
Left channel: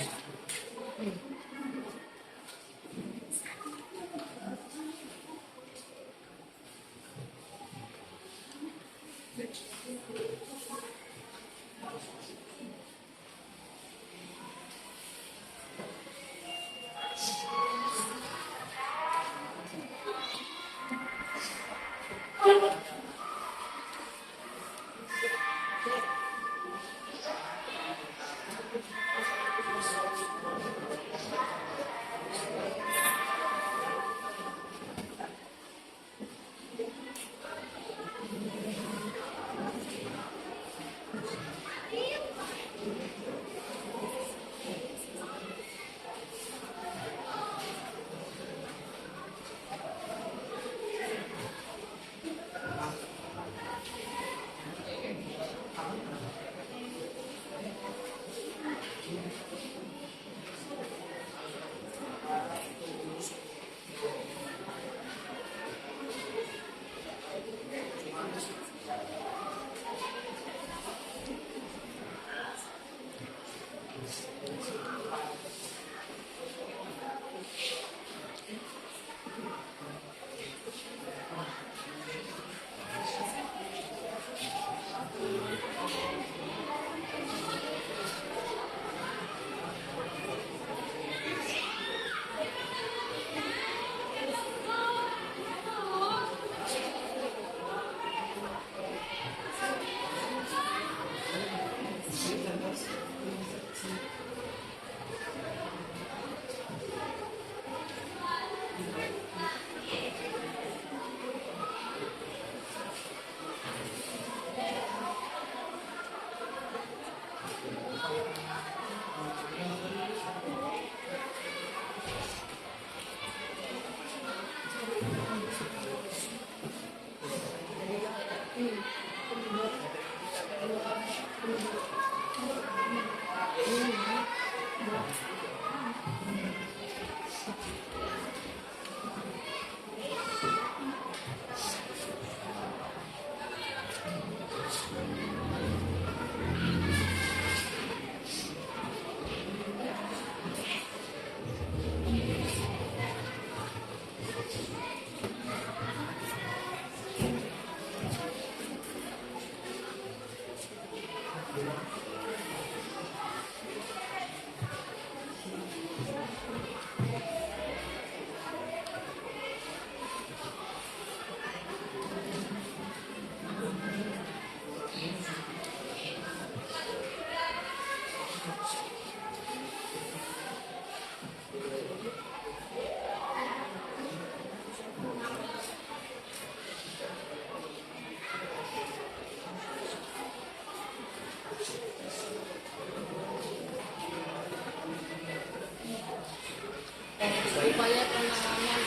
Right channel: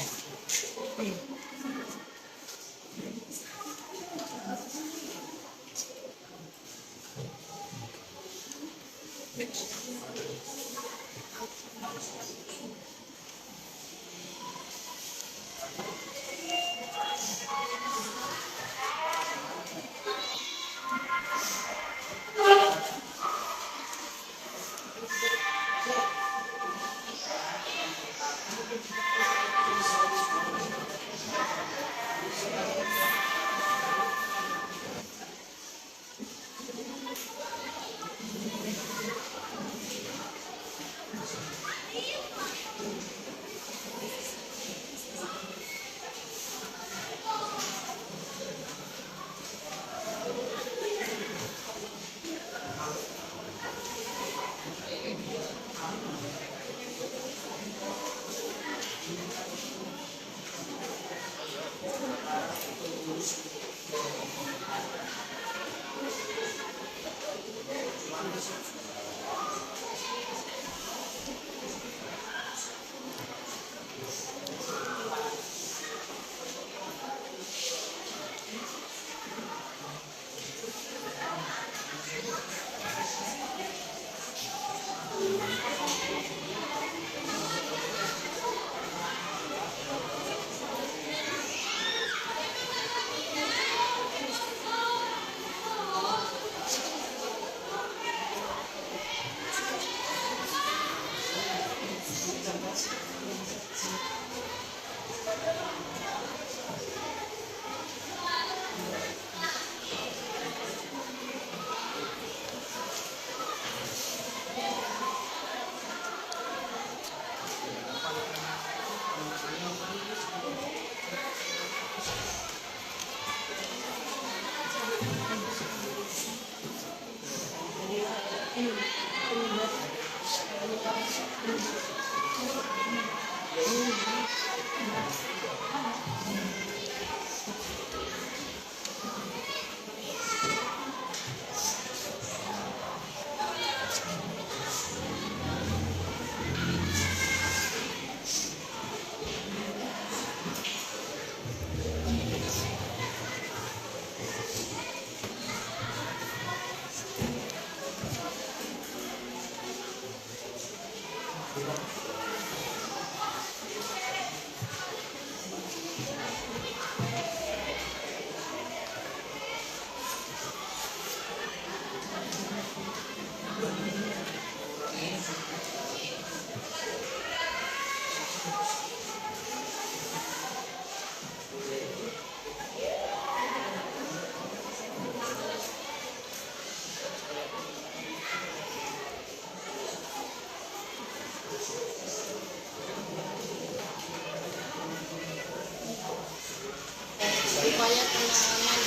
Upaya penanganan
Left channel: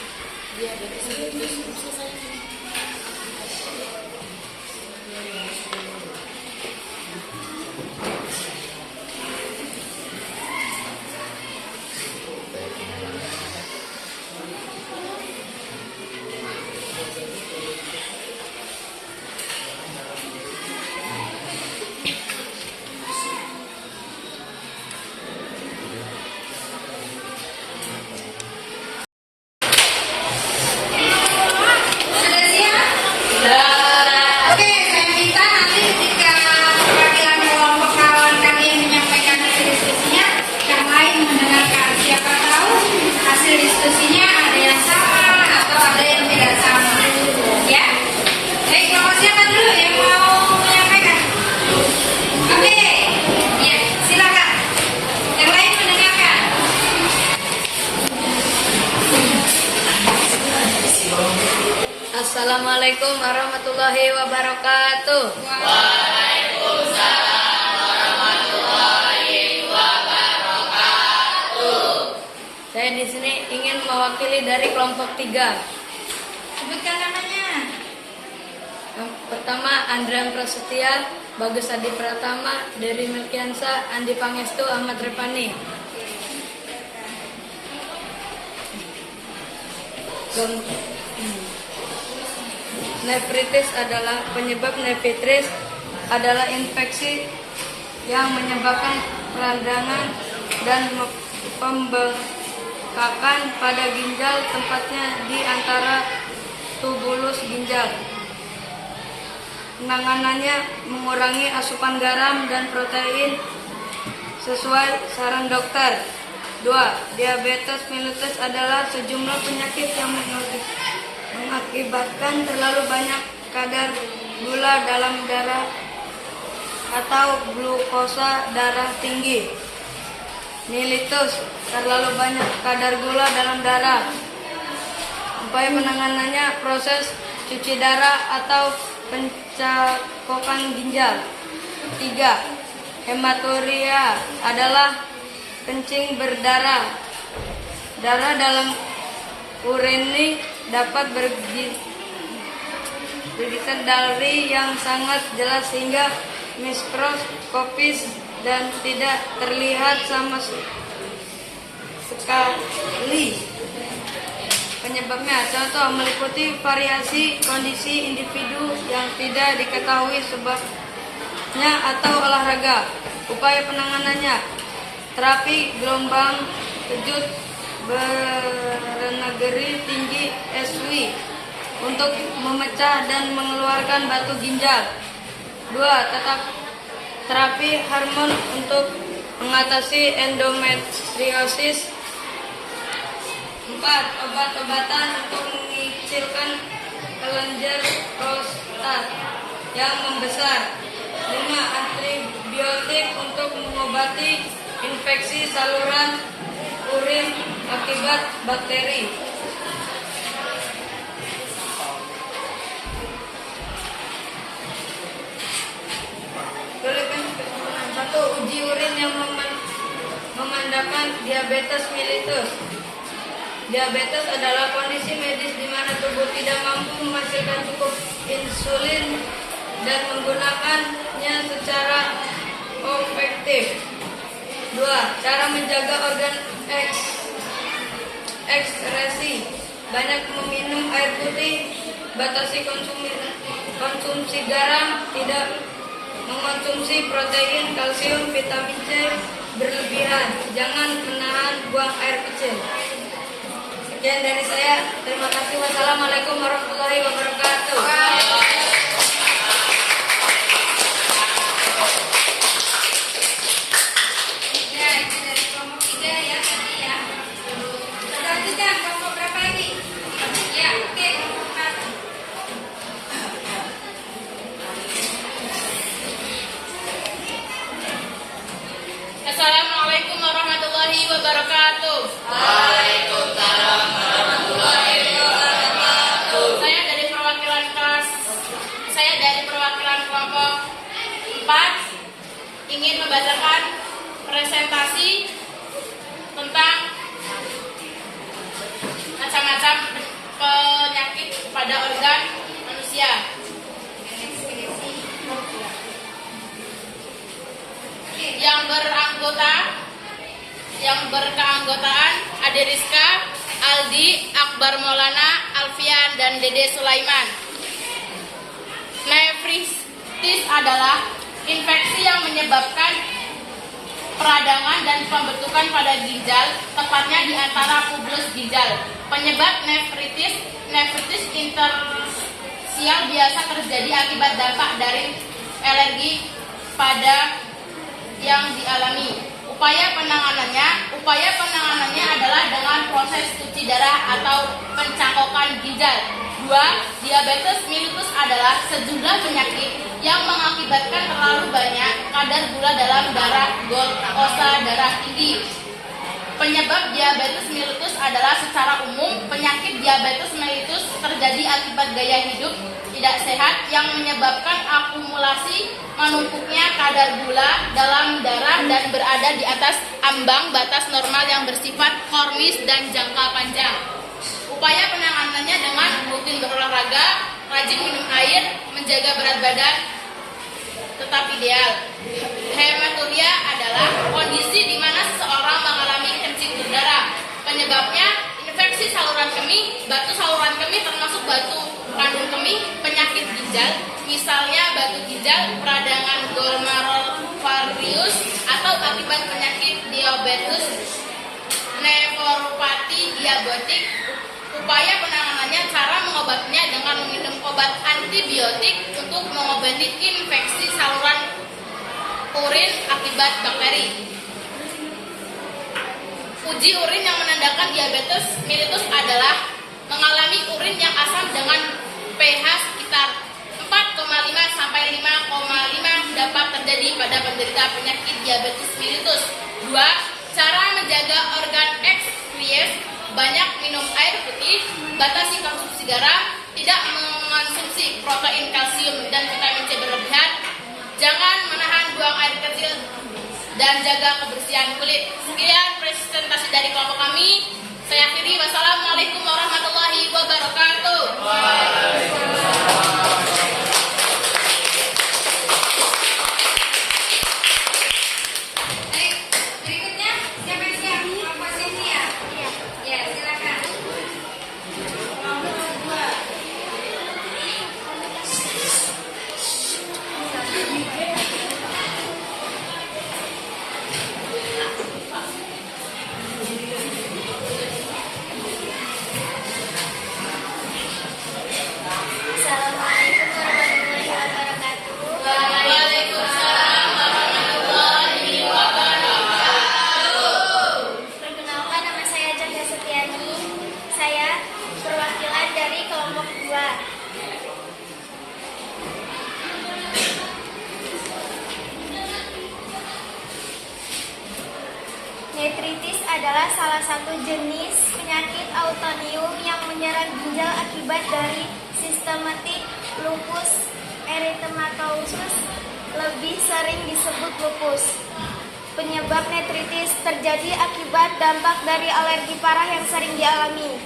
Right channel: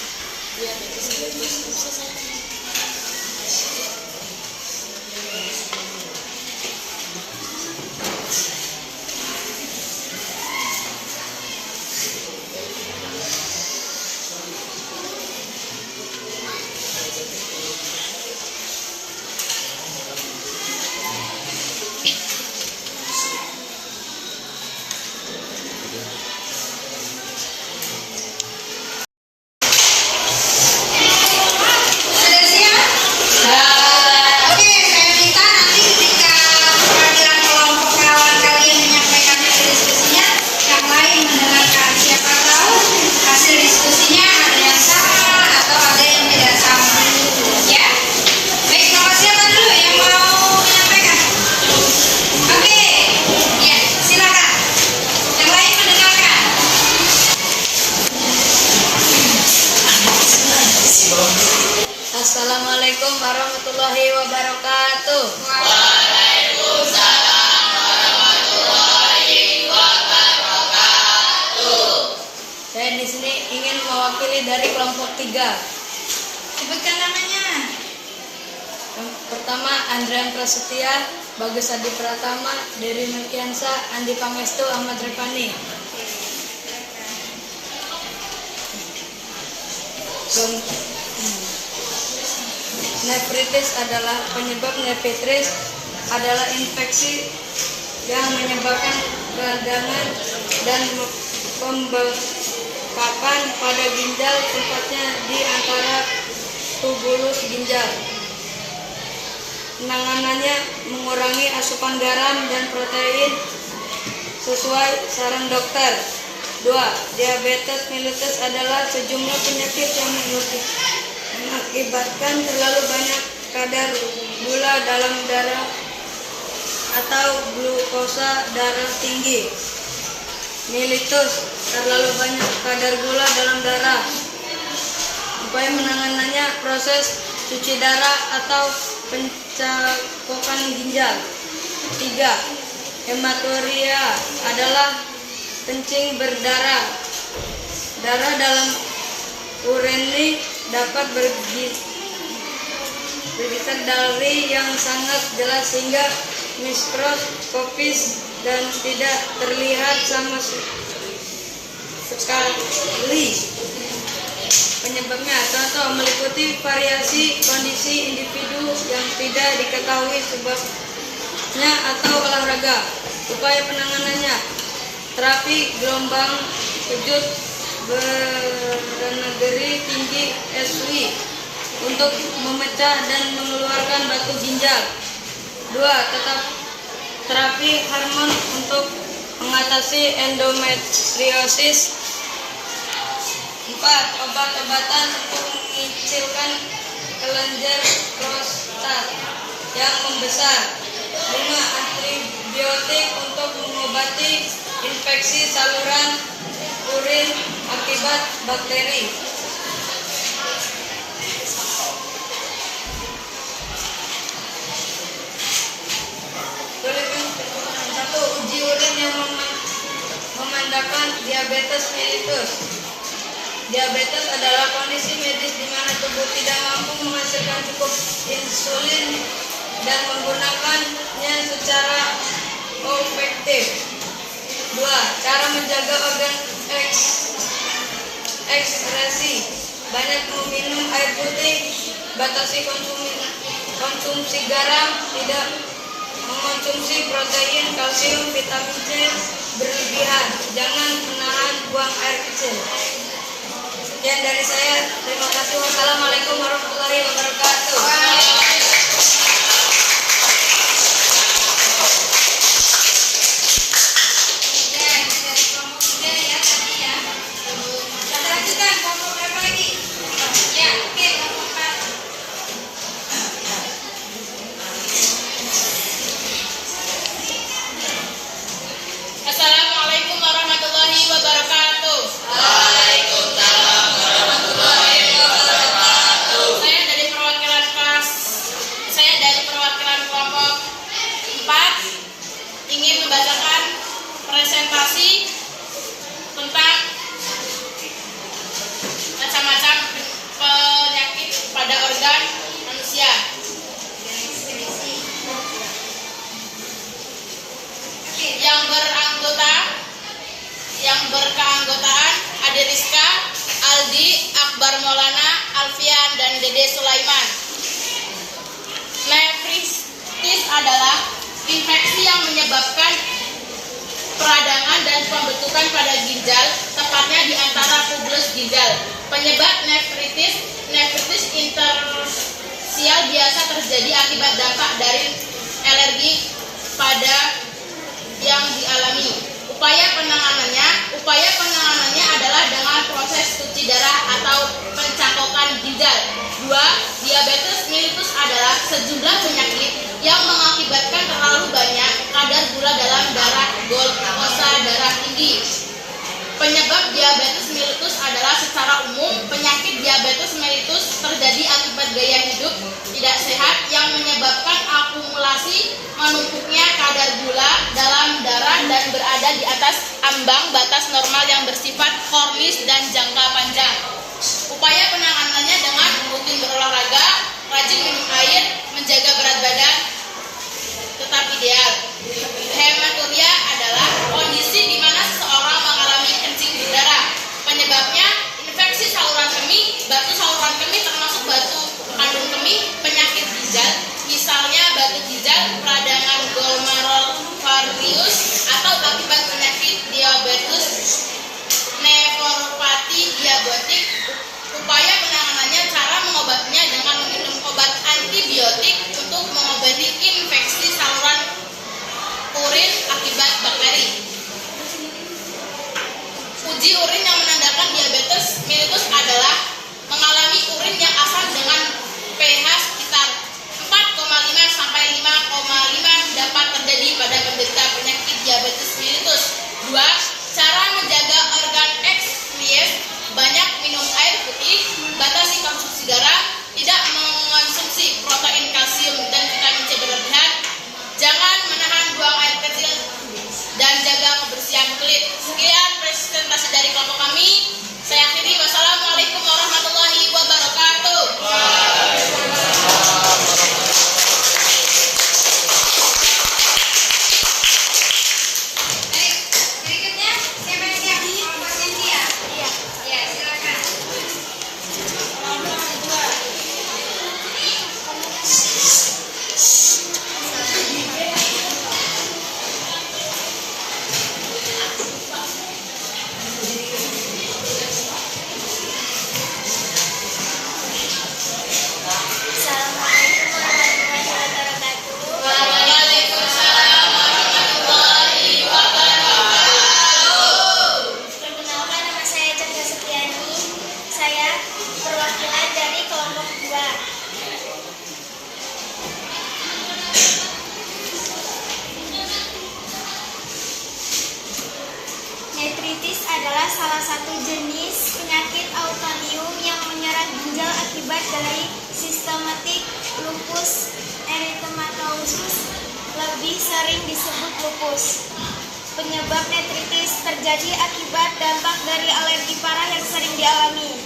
diabetes mellitus bisa saja. warahmatullahi wabarakatuh. Saya di sini ingin mewakili dari kelompok 3. Sebutkan namanya. Yang pertama Andrian Prasetya, Bagus Adi Pratama, Dery Melkiansa, Andi Pangestu, Ahmad Repani. Nefritis adalah penyebab nefritis adalah infeksi yang menyebabkan peradangan dan pembengkakan pada ginjal, tempatnya di antara tubulus ginjal. Penanganannya mengurangi asupan garam dan protein sesuai saran dokter. 2. Diabetes mellitus adalah sejumlah penyakit yang mengakibatkan terlalu banyak kadar gula dalam darah atau glukosa darah tinggi. Mellitus, terlalu banyak kadar gula dalam darah. Upaya penanganannya proses cuci darah atau pencakokan ginjal. 3. Hematuria adalah kencing berdarah. Darah dalam urin dapat berdikari yang sangat jelas sehingga mikroskopis dan tidak terlihat sama sekali. Penyebabnya contoh meliputi variasi kondisi individu yang tidak diketahui sebabnya atau olahraga. Upaya penanganannya terapi gelombang kejut bernegeri tinggi SW untuk memecah dan mengeluarkan batu ginjal. 2. Tetap terapi hormon untuk mengatasi endometriosis. 4. Obat-obatan untuk mengecilkan kelenjar prostat yang membesar. 5. Antibiotik untuk mengobati infeksi saluran urin akibat bakteri. Satu, uji urin yang memandangkan diabetes mellitus. Diabetes adalah kondisi medis di mana tubuh tidak mampu menghasilkan cukup insulin dan menggunakannya secara efektif. 2. Cara menjaga organ ekskresi. Banyak meminum air putih, batasi konsumsi garam, tidak mengonsumsi protein, kalsium, vitamin C berlebihan. Jangan menahan buang air kecil. Sekian dari saya. Terima kasih. Wassalamualaikum warahmatullahi wabarakatuh. Dari kelompok 3 ya tadi ya. Kita lanjutkan kelompok berapa lagi? Ya, oke, kelompok 4. Assalamualaikum warahmatullahi wabarakatuh. Waalaikumsalam warahmatullahi wabarakatuh. Saya dari perwakilan kelompok 4 ingin membacakan presentasi tentang macam-macam penyakit pada organ manusia. Yang berkeanggotaan Ade Rizka, Aldi, Akbar Maulana, Alfian, dan Dede Sulaiman. Nefritis adalah infeksi yang menyebabkan peradangan dan pembentukan pada ginjal, tepatnya di antara tubulus ginjal. Penyebab nefritis interstisial biasa terjadi akibat dampak dari alergi pada yang dialami. Upaya penanganannya adalah dengan proses cuci darah atau pencakokan ginjal. 2. Diabetes mellitus adalah sejumlah penyakit yang mengakibatkan terlalu banyak kadar gula dalam darah, glukosa darah tinggi. Penyebab diabetes mellitus adalah secara umum penyakit diabetes mellitus terjadi akibat gaya hidup tidak sehat yang menyebabkan akumulasi menumpuknya kadar gula dalam darah dan berada di atas ambang batas normal yang bersifat kronis dan jangka panjang. Upaya penanganannya dengan rutin berolahraga, rajin minum air, menjaga berat badan tetap ideal. Hematuria adalah kondisi di mana seseorang mengalami kencing berdarah. Penyebabnya infeksi saluran kemih, batu saluran kemih termasuk batu kandung kemih, penyakit ginjal, misalnya batu ginjal, peradangan glomerularius atau akibat penyakit diabetes nefropati diabetik. Upaya penanganannya, cara mengobatinya dengan meminum obat antibiotik untuk mengobati infeksi saluran urin akibat bakteri. Uji urin yang menandakan diabetes mellitus adalah mengalami urin yang asam dengan pH sekitar 4,5 sampai 5,5 dapat terjadi pada penderita penyakit diabetes mellitus. 2. Cara menjaga organ excrete: banyak minum air putih, batasi konsumsi garam, tidak mengonsumsi protein, kalsium, dan vitamin C berlebihan, jangan menahan buang air kecil, dan jaga kebersihan kulit. Sekian presentasi dari kelompok kami. Saya akhiri. Wassalamualaikum warahmatullahi wabarakatuh. Baik, berikutnya siapa yang siap? Kelompok Cynthia. Ya, silakan. Kelompok kedua. Assalamualaikum warahmatullahi wabarakatuh. Waalaikumsalam warahmatullahi wabarakatuh. Perkenalkan, nama saya Cahya Setiani. Saya perwakilan dari kelompok 2. Nephritis adalah salah satu jenis penyakit autoimun yang menyerang ginjal akibat dari sistematik lupus erythematosus, lebih sering disebut lupus. Penyebab nephritis terjadi akibat dampak dari alergi parah yang sering dialami.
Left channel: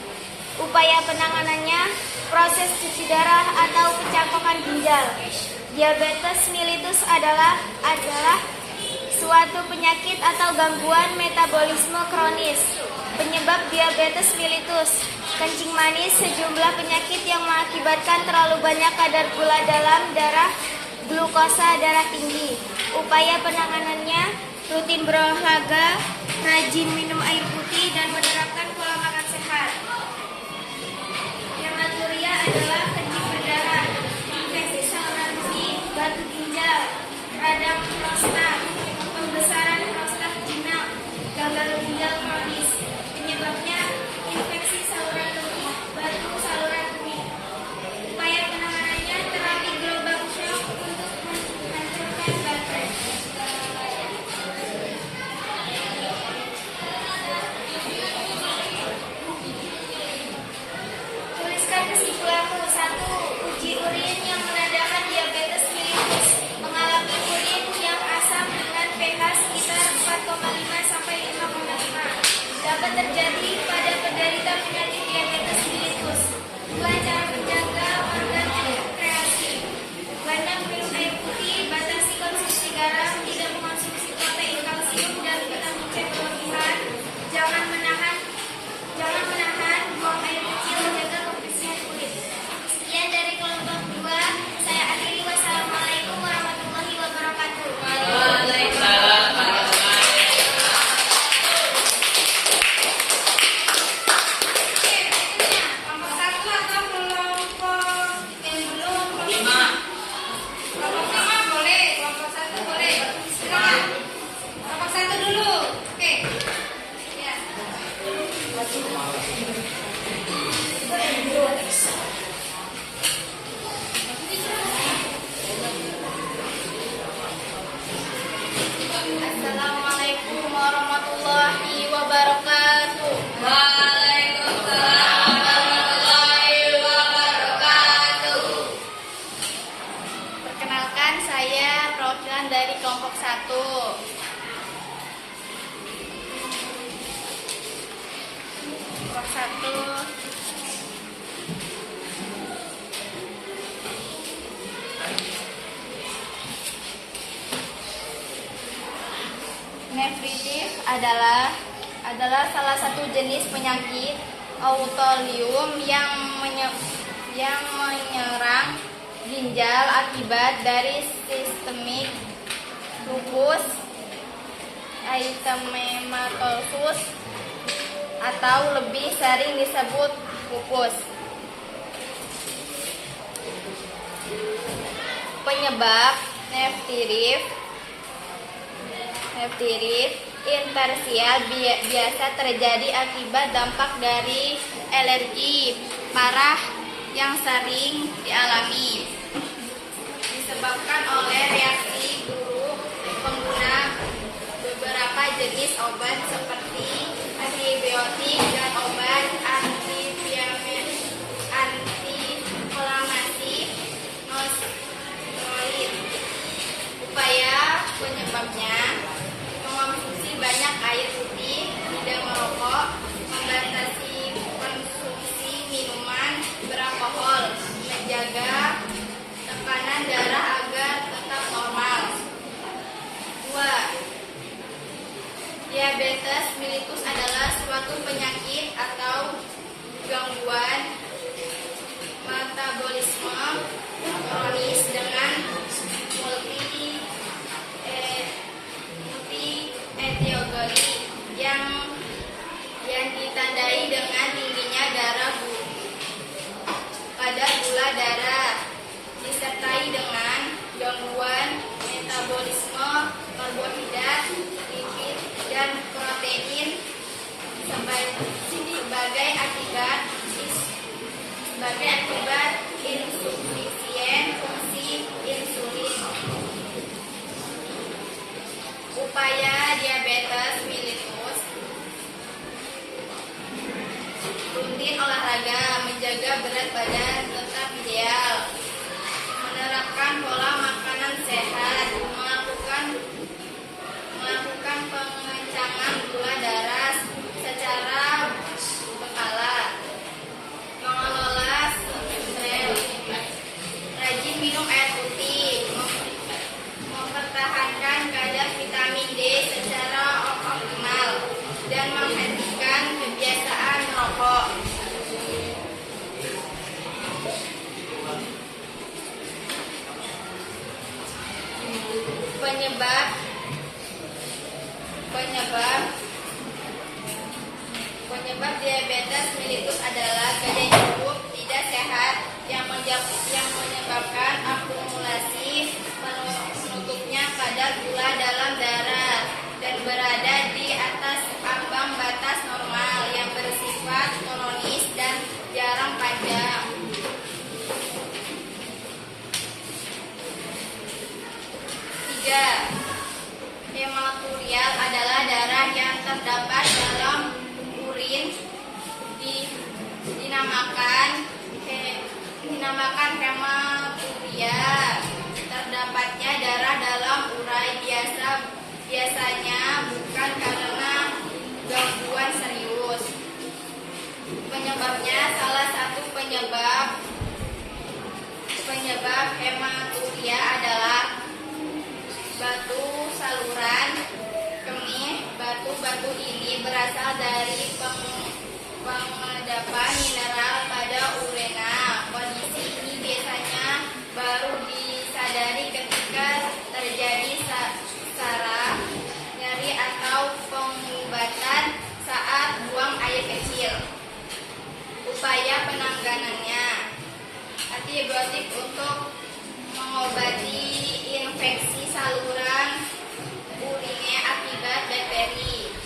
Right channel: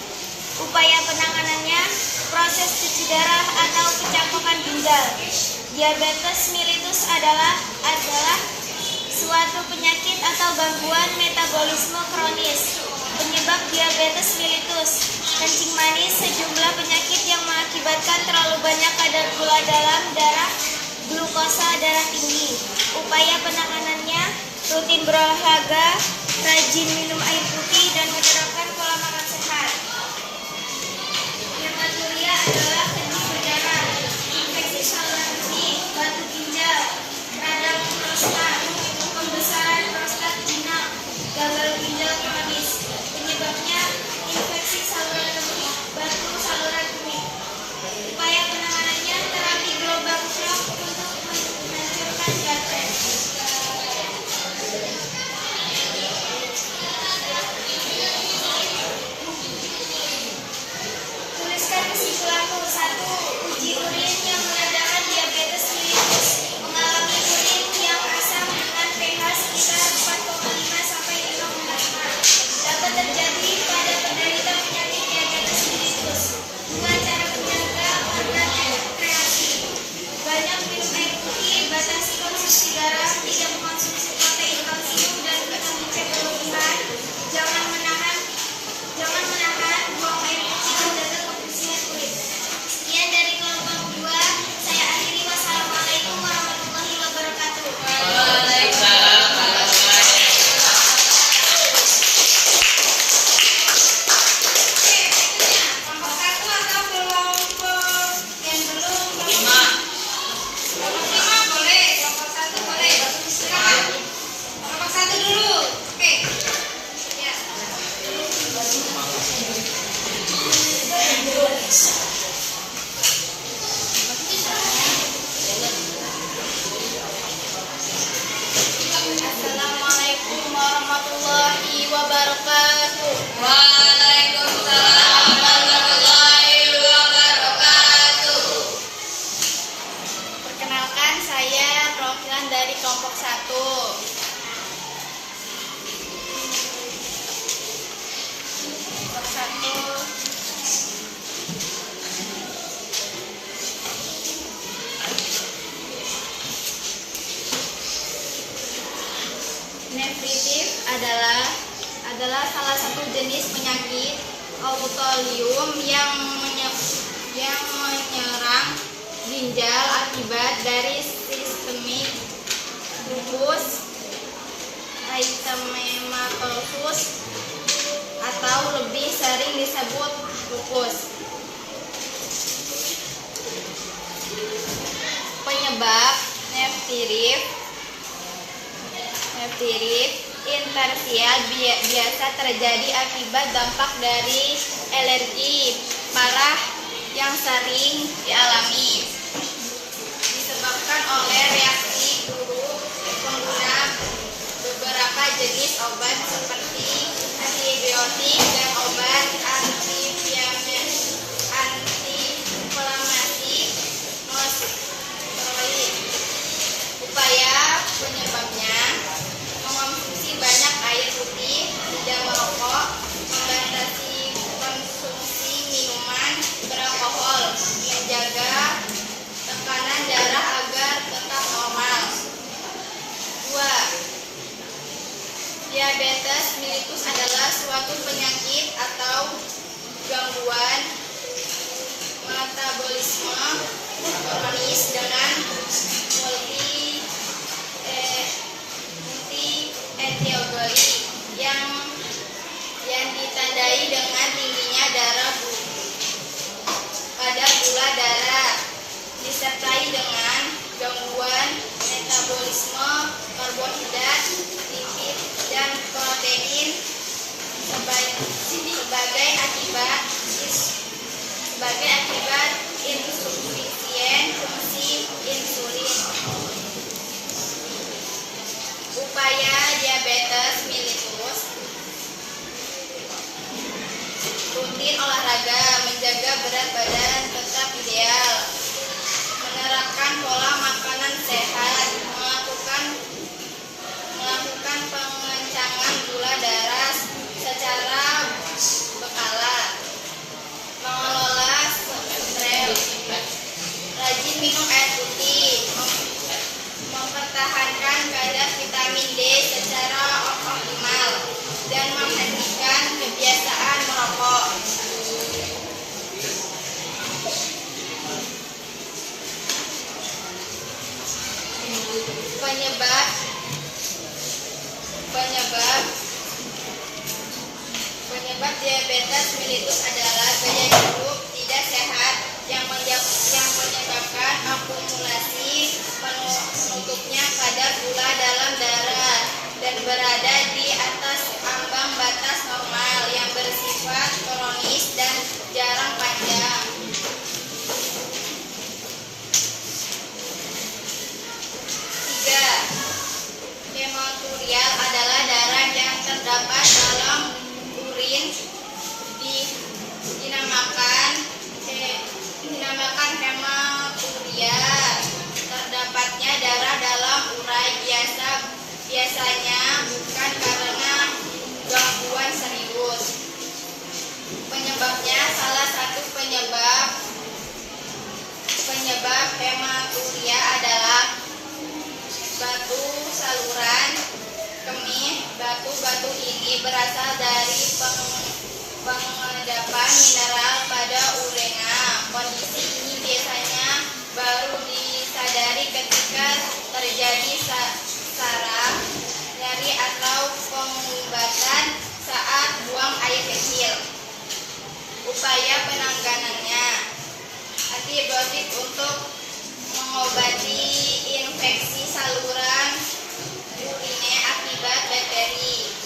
Upaya penanganannya, proses cuci darah atau pencangkokan ginjal. Diabetes mellitus adalah suatu penyakit atau gangguan metabolisme kronis. Penyebab diabetes mellitus: kencing manis, sejumlah penyakit yang mengakibatkan terlalu banyak kadar gula dalam darah, glukosa darah tinggi. Upaya penanganannya, rutin berolahraga, rajin minum air putih, dan menerapkan pola makan sehat. Hematuria adalah kencing berdarah, infeksi saluran kemih, batu ginjal, radang prostat, pembesaran prostat jinak, gagal ginjal kronis. Penyebabnya infeksi saluran kemih, batu saluran kemih. Upaya penanganannya, terapi gelombang shock untuk menghancurkan baterai. Tuliskan kesimpulanmu. 1. Uji urin yang menandakan diabetes mellitus: mengalami urin yang asam dengan pH sekitar 4,5 sampai 5,5. Dapat terjadi pada penderita penyakit diabetes mellitus. 2. Cara menjaga organ kreasi: banyak minum air putih, batasi konsumsi garam, tidak mengkonsumsi protein, kalsium, dan vitamin C berlebihan, jangan menahan buang air kecil, jaga kebersihan kulit. Sekian dari kelompok 2. Saya akhiri. Wassalamualaikum warahmatullahi wabarakatuh. Waalaikumsalam warahmatullahi wabarakatuh. warahmatullahi wabarakatuh. Waalaikumsalam warahmatullahi wabarakatuh. Perkenalkan, saya perwakilan dari kelompok 1. Kelompok 1. Nefritis adalah salah satu jenis penyakit autoimun yang menyerang ginjal akibat dari sistemik lupus eritematosus atau lebih sering disebut lupus. Penyebab nefritis intersial biasa terjadi akibat dampak dari alergi parah yang sering dialami, disebabkan oleh reaksi buruk pengguna beberapa jenis obat seperti antibiotik dan obat antiinflamasi nonsteroid. Upaya penyebabnya: mengonsumsi banyak air putih, tidak merokok, membatasi konsumsi minuman beralkohol, menjaga tekanan darah agar tetap normal. 2. Diabetes mellitus adalah suatu penyakit atau gangguan metabolisme kronis dengan multi-etiologi yang ditandai dengan tingginya darah pada gula darah, disertai dengan gangguan metabolisme karbohidrat, lipid, dan protein sebagai akibat insufisien fungsi insulin. Upaya diabetes mellitus: rutin olahraga, menjaga berat badan tetap ideal, menerapkan pola makanan sehat, melakukan pengencangan gula darah secara berkala, mengelola stres, rajin minum air putih, mempertahankan kadar vitamin D secara optimal, dan menghentikan kebiasaan merokok. Penyebab diabetes mellitus adalah gaya hidup tidak sehat yang menyebabkan akumulasi penutupnya kadar gula dalam darah dan berada di atas ambang batas normal yang bersifat kronis dan jarang panjang. 3. Hematurial adalah darah yang terdapat dalam urin, dinamakan hematuria. Terdapatnya darah dalam urai biasanya bukan karena gangguan serius. Penyebabnya: salah satu penyebab hematuria adalah batu saluran kemih. Batu-batu ini berasal dari pengendapan mineral pada urina. Kondisi ini biasanya baru disadari ketika terjadi saraf, nyeri atau pengumbatan saat buang air kecil. Upaya penanganannya: antibiotik untuk mengobati infeksi saluran urine akibat bakteri.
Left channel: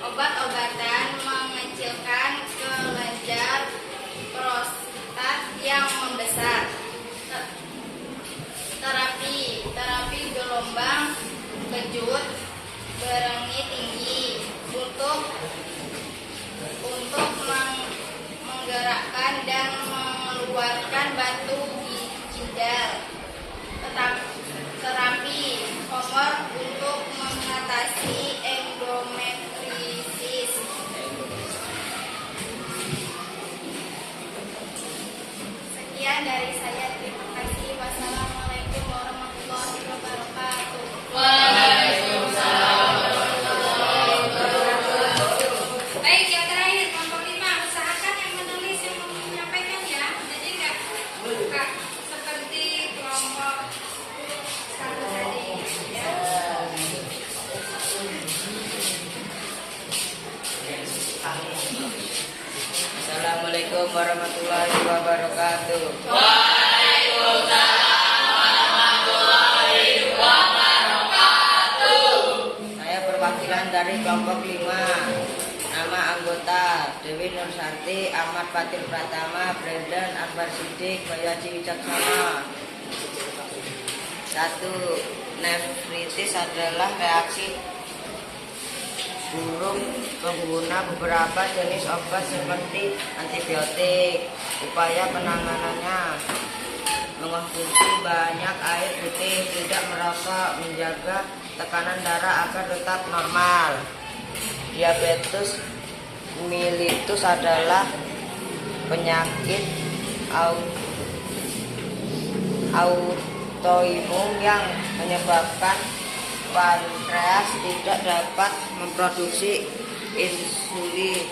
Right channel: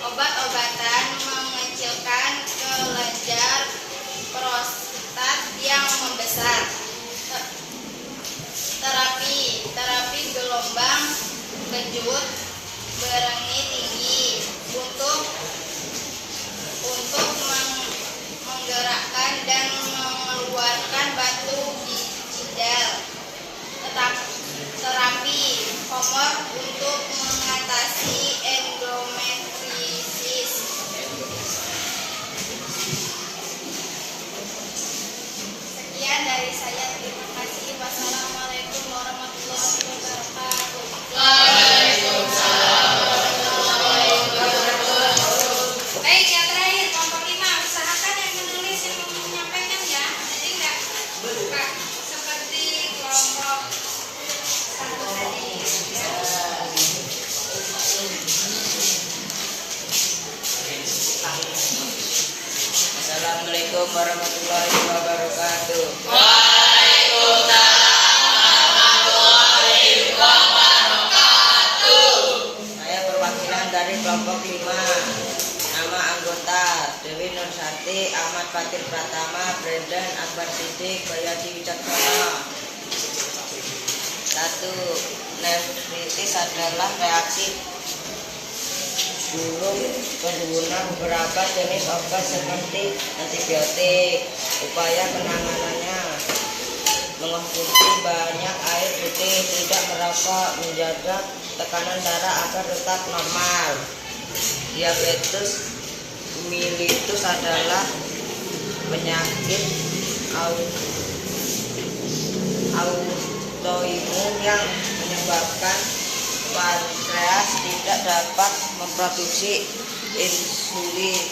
Obat-obatan mengecilkan kelenjar prostat yang membesar. Terapi gelombang kejut, berengi tinggi untuk menggerakkan dan mengeluarkan batu ginjal. Terapi Homor untuk mengatasi endometriosis. Sekian dari saya, terima kasih. Wassalamualaikum warahmatullahi wabarakatuh. Baik, yang terakhir kelompok 5, usahakan yang menulis yang menyampaikan ya. Jadi enggak buka seperti kelompok 1 tadi ya. Assalamualaikum warahmatullahi wabarakatuh. Saya perwakilan dari kelompok 5. Nama anggota Dewi Nursarti, Ahmad Fatir Pratama, Brendan Akbar Sidik, Bayati Wicaksana. 1. Nefritis adalah reaksi buruk pengguna beberapa jenis obat seperti antibiotik. Upaya penanganannya: mengonsumsi banyak air putih, tidak merokok, menjaga tekanan darah agar tetap normal. Diabetes mellitus adalah penyakit autoimun yang menyebabkan pankreas tidak dapat memproduksi insulin.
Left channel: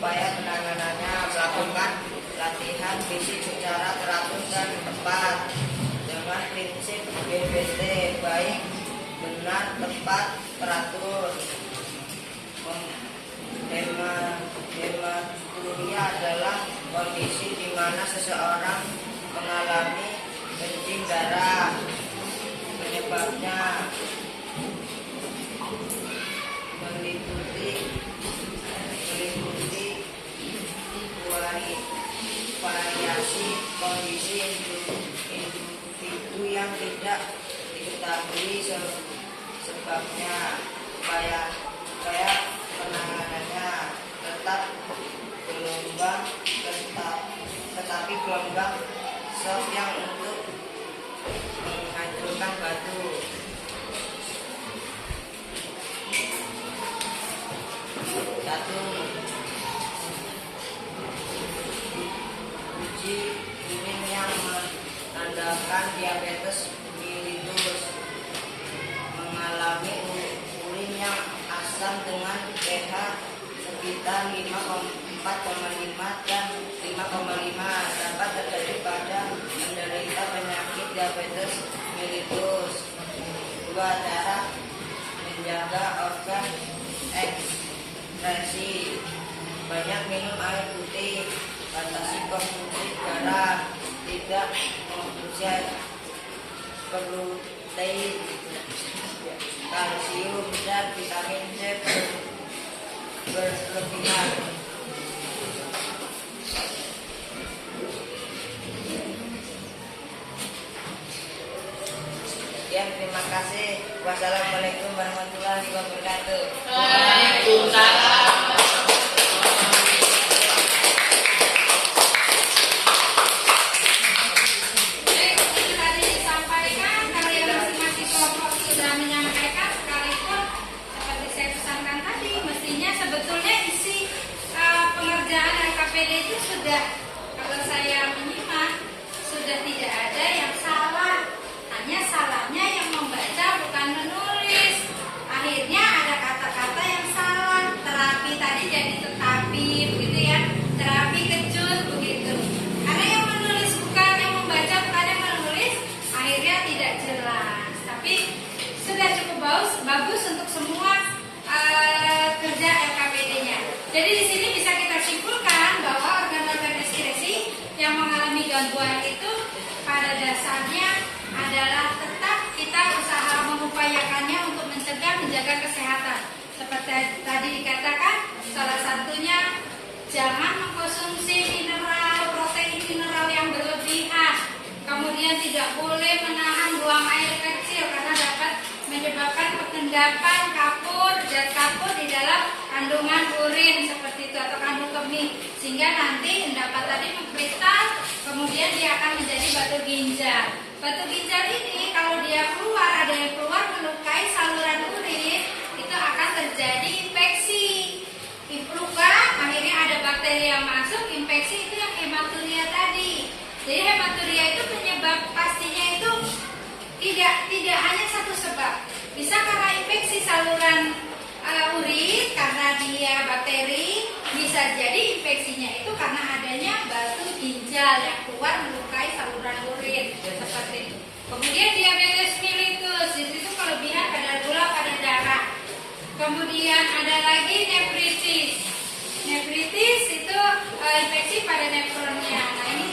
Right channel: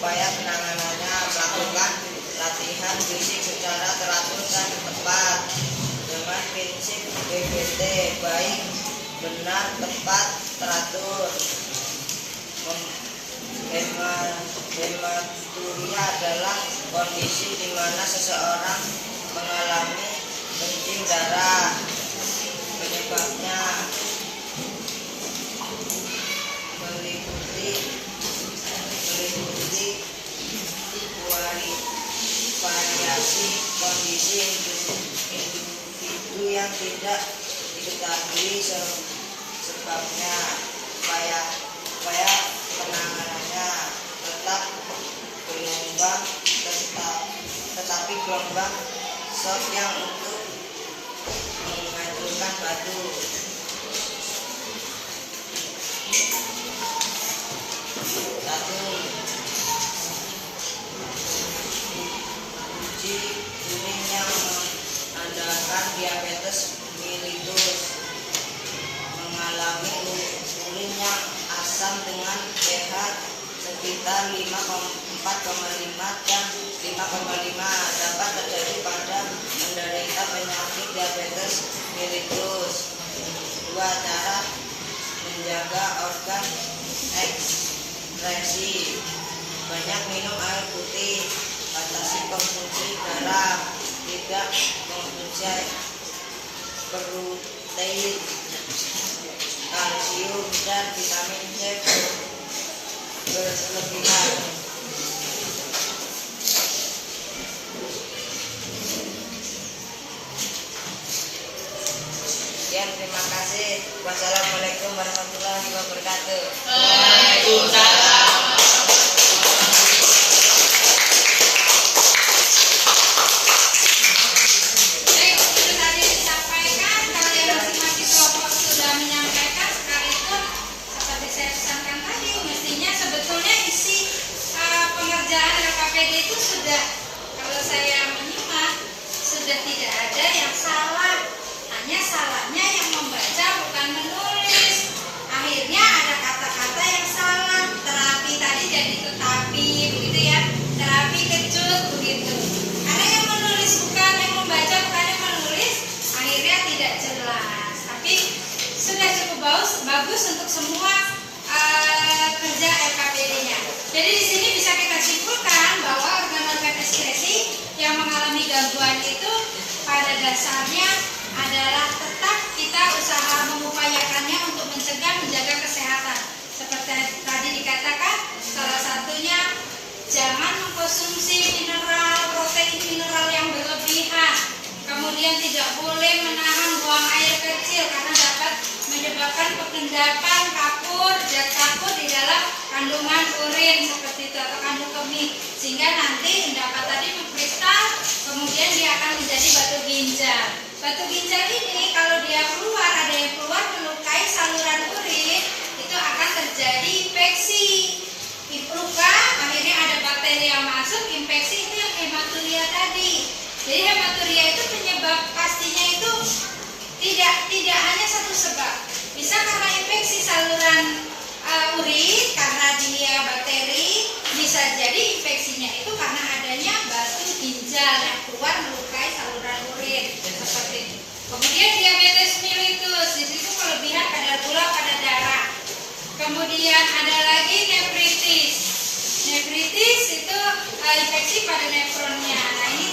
Upaya penanganannya: melakukan latihan fisik secara teratur dan tepat dengan prinsip BBT, baik, benar, tepat, teratur. Hematuria adalah kondisi di mana seseorang mengalami kencing darah. Penyebabnya meliputi variasi kondisi individu yang tidak diketahui sebabnya. Upaya penanganannya: tetapi gelombang shock yang untuk menghancurkan batu. 1. Uji kuning yang menandakan diabetes mellitus: mengalami urin yang asam dengan pH sekitar 4,5 dan 5,5 dapat terjadi pada menderita penyakit diabetes mellitus. 2. Cara menjaga organ ekskresi: banyak minum air putih, batasi konsumsi garam, tidak mengonsumsi protein, kalsium dan vitamin C berlebihan. Sekian, terima kasih. Wassalamualaikum warahmatullahi wabarakatuh. Baik, itu tadi disampaikan. Kalian masing-masing kelompok sudah menyampaikan, sekalipun seperti saya pesankan tadi, mestinya sebetulnya isi pengerjaan LKPD itu sudah, kalau saya menyimak, sudah tidak ada yang salah. Hanya salahnya yang membaca bukan menulis. Akhirnya ada kata-kata yang salah. Terapi tadi jadi tetapi, begitu ya. Terapi kejut, begitu. Karena yang menulis bukan, yang membaca bukan yang menulis, akhirnya tidak jelas. Tapi sudah cukup bagus untuk semua kerja LKPD-nya. Jadi di sini bisa kita simpulkan bahwa organ-organ ekskresi yang mengalami gangguan itu pada dasarnya adalah tetap kita usaha mengupayakannya untuk mencegah, menjaga kesehatan. Seperti tadi dikatakan, salah satunya jangan mengkonsumsi protein mineral yang berlebihan. Kemudian tidak boleh menahan buang air kecil karena dapat menyebabkan pengendapan kapur, zat kapur di dalam kandungan urin seperti itu atau kandung kemih, sehingga nanti endapan tadi mengkristal, kemudian dia akan menjadi batu ginjal. Batu ginjal ini kalau dia keluar, ada yang keluar melukai saluran urin, itu akan terjadi infeksi. Luka, akhirnya ada bakteri yang masuk, infeksi itu yang hematuria tadi. Jadi hematuria itu penyebab pastinya itu tidak hanya satu sebab. Bisa karena infeksi saluran urin, karena dia bakteri, bisa jadi infeksinya itu karena adanya batu ginjal yang keluar melukai saluran urin seperti itu. Kemudian diabetes mellitus, di situ kelebihan kadar gula pada darah. Kemudian ada lagi nefritis. Nefritis itu infeksi pada nefronnya. Nah ini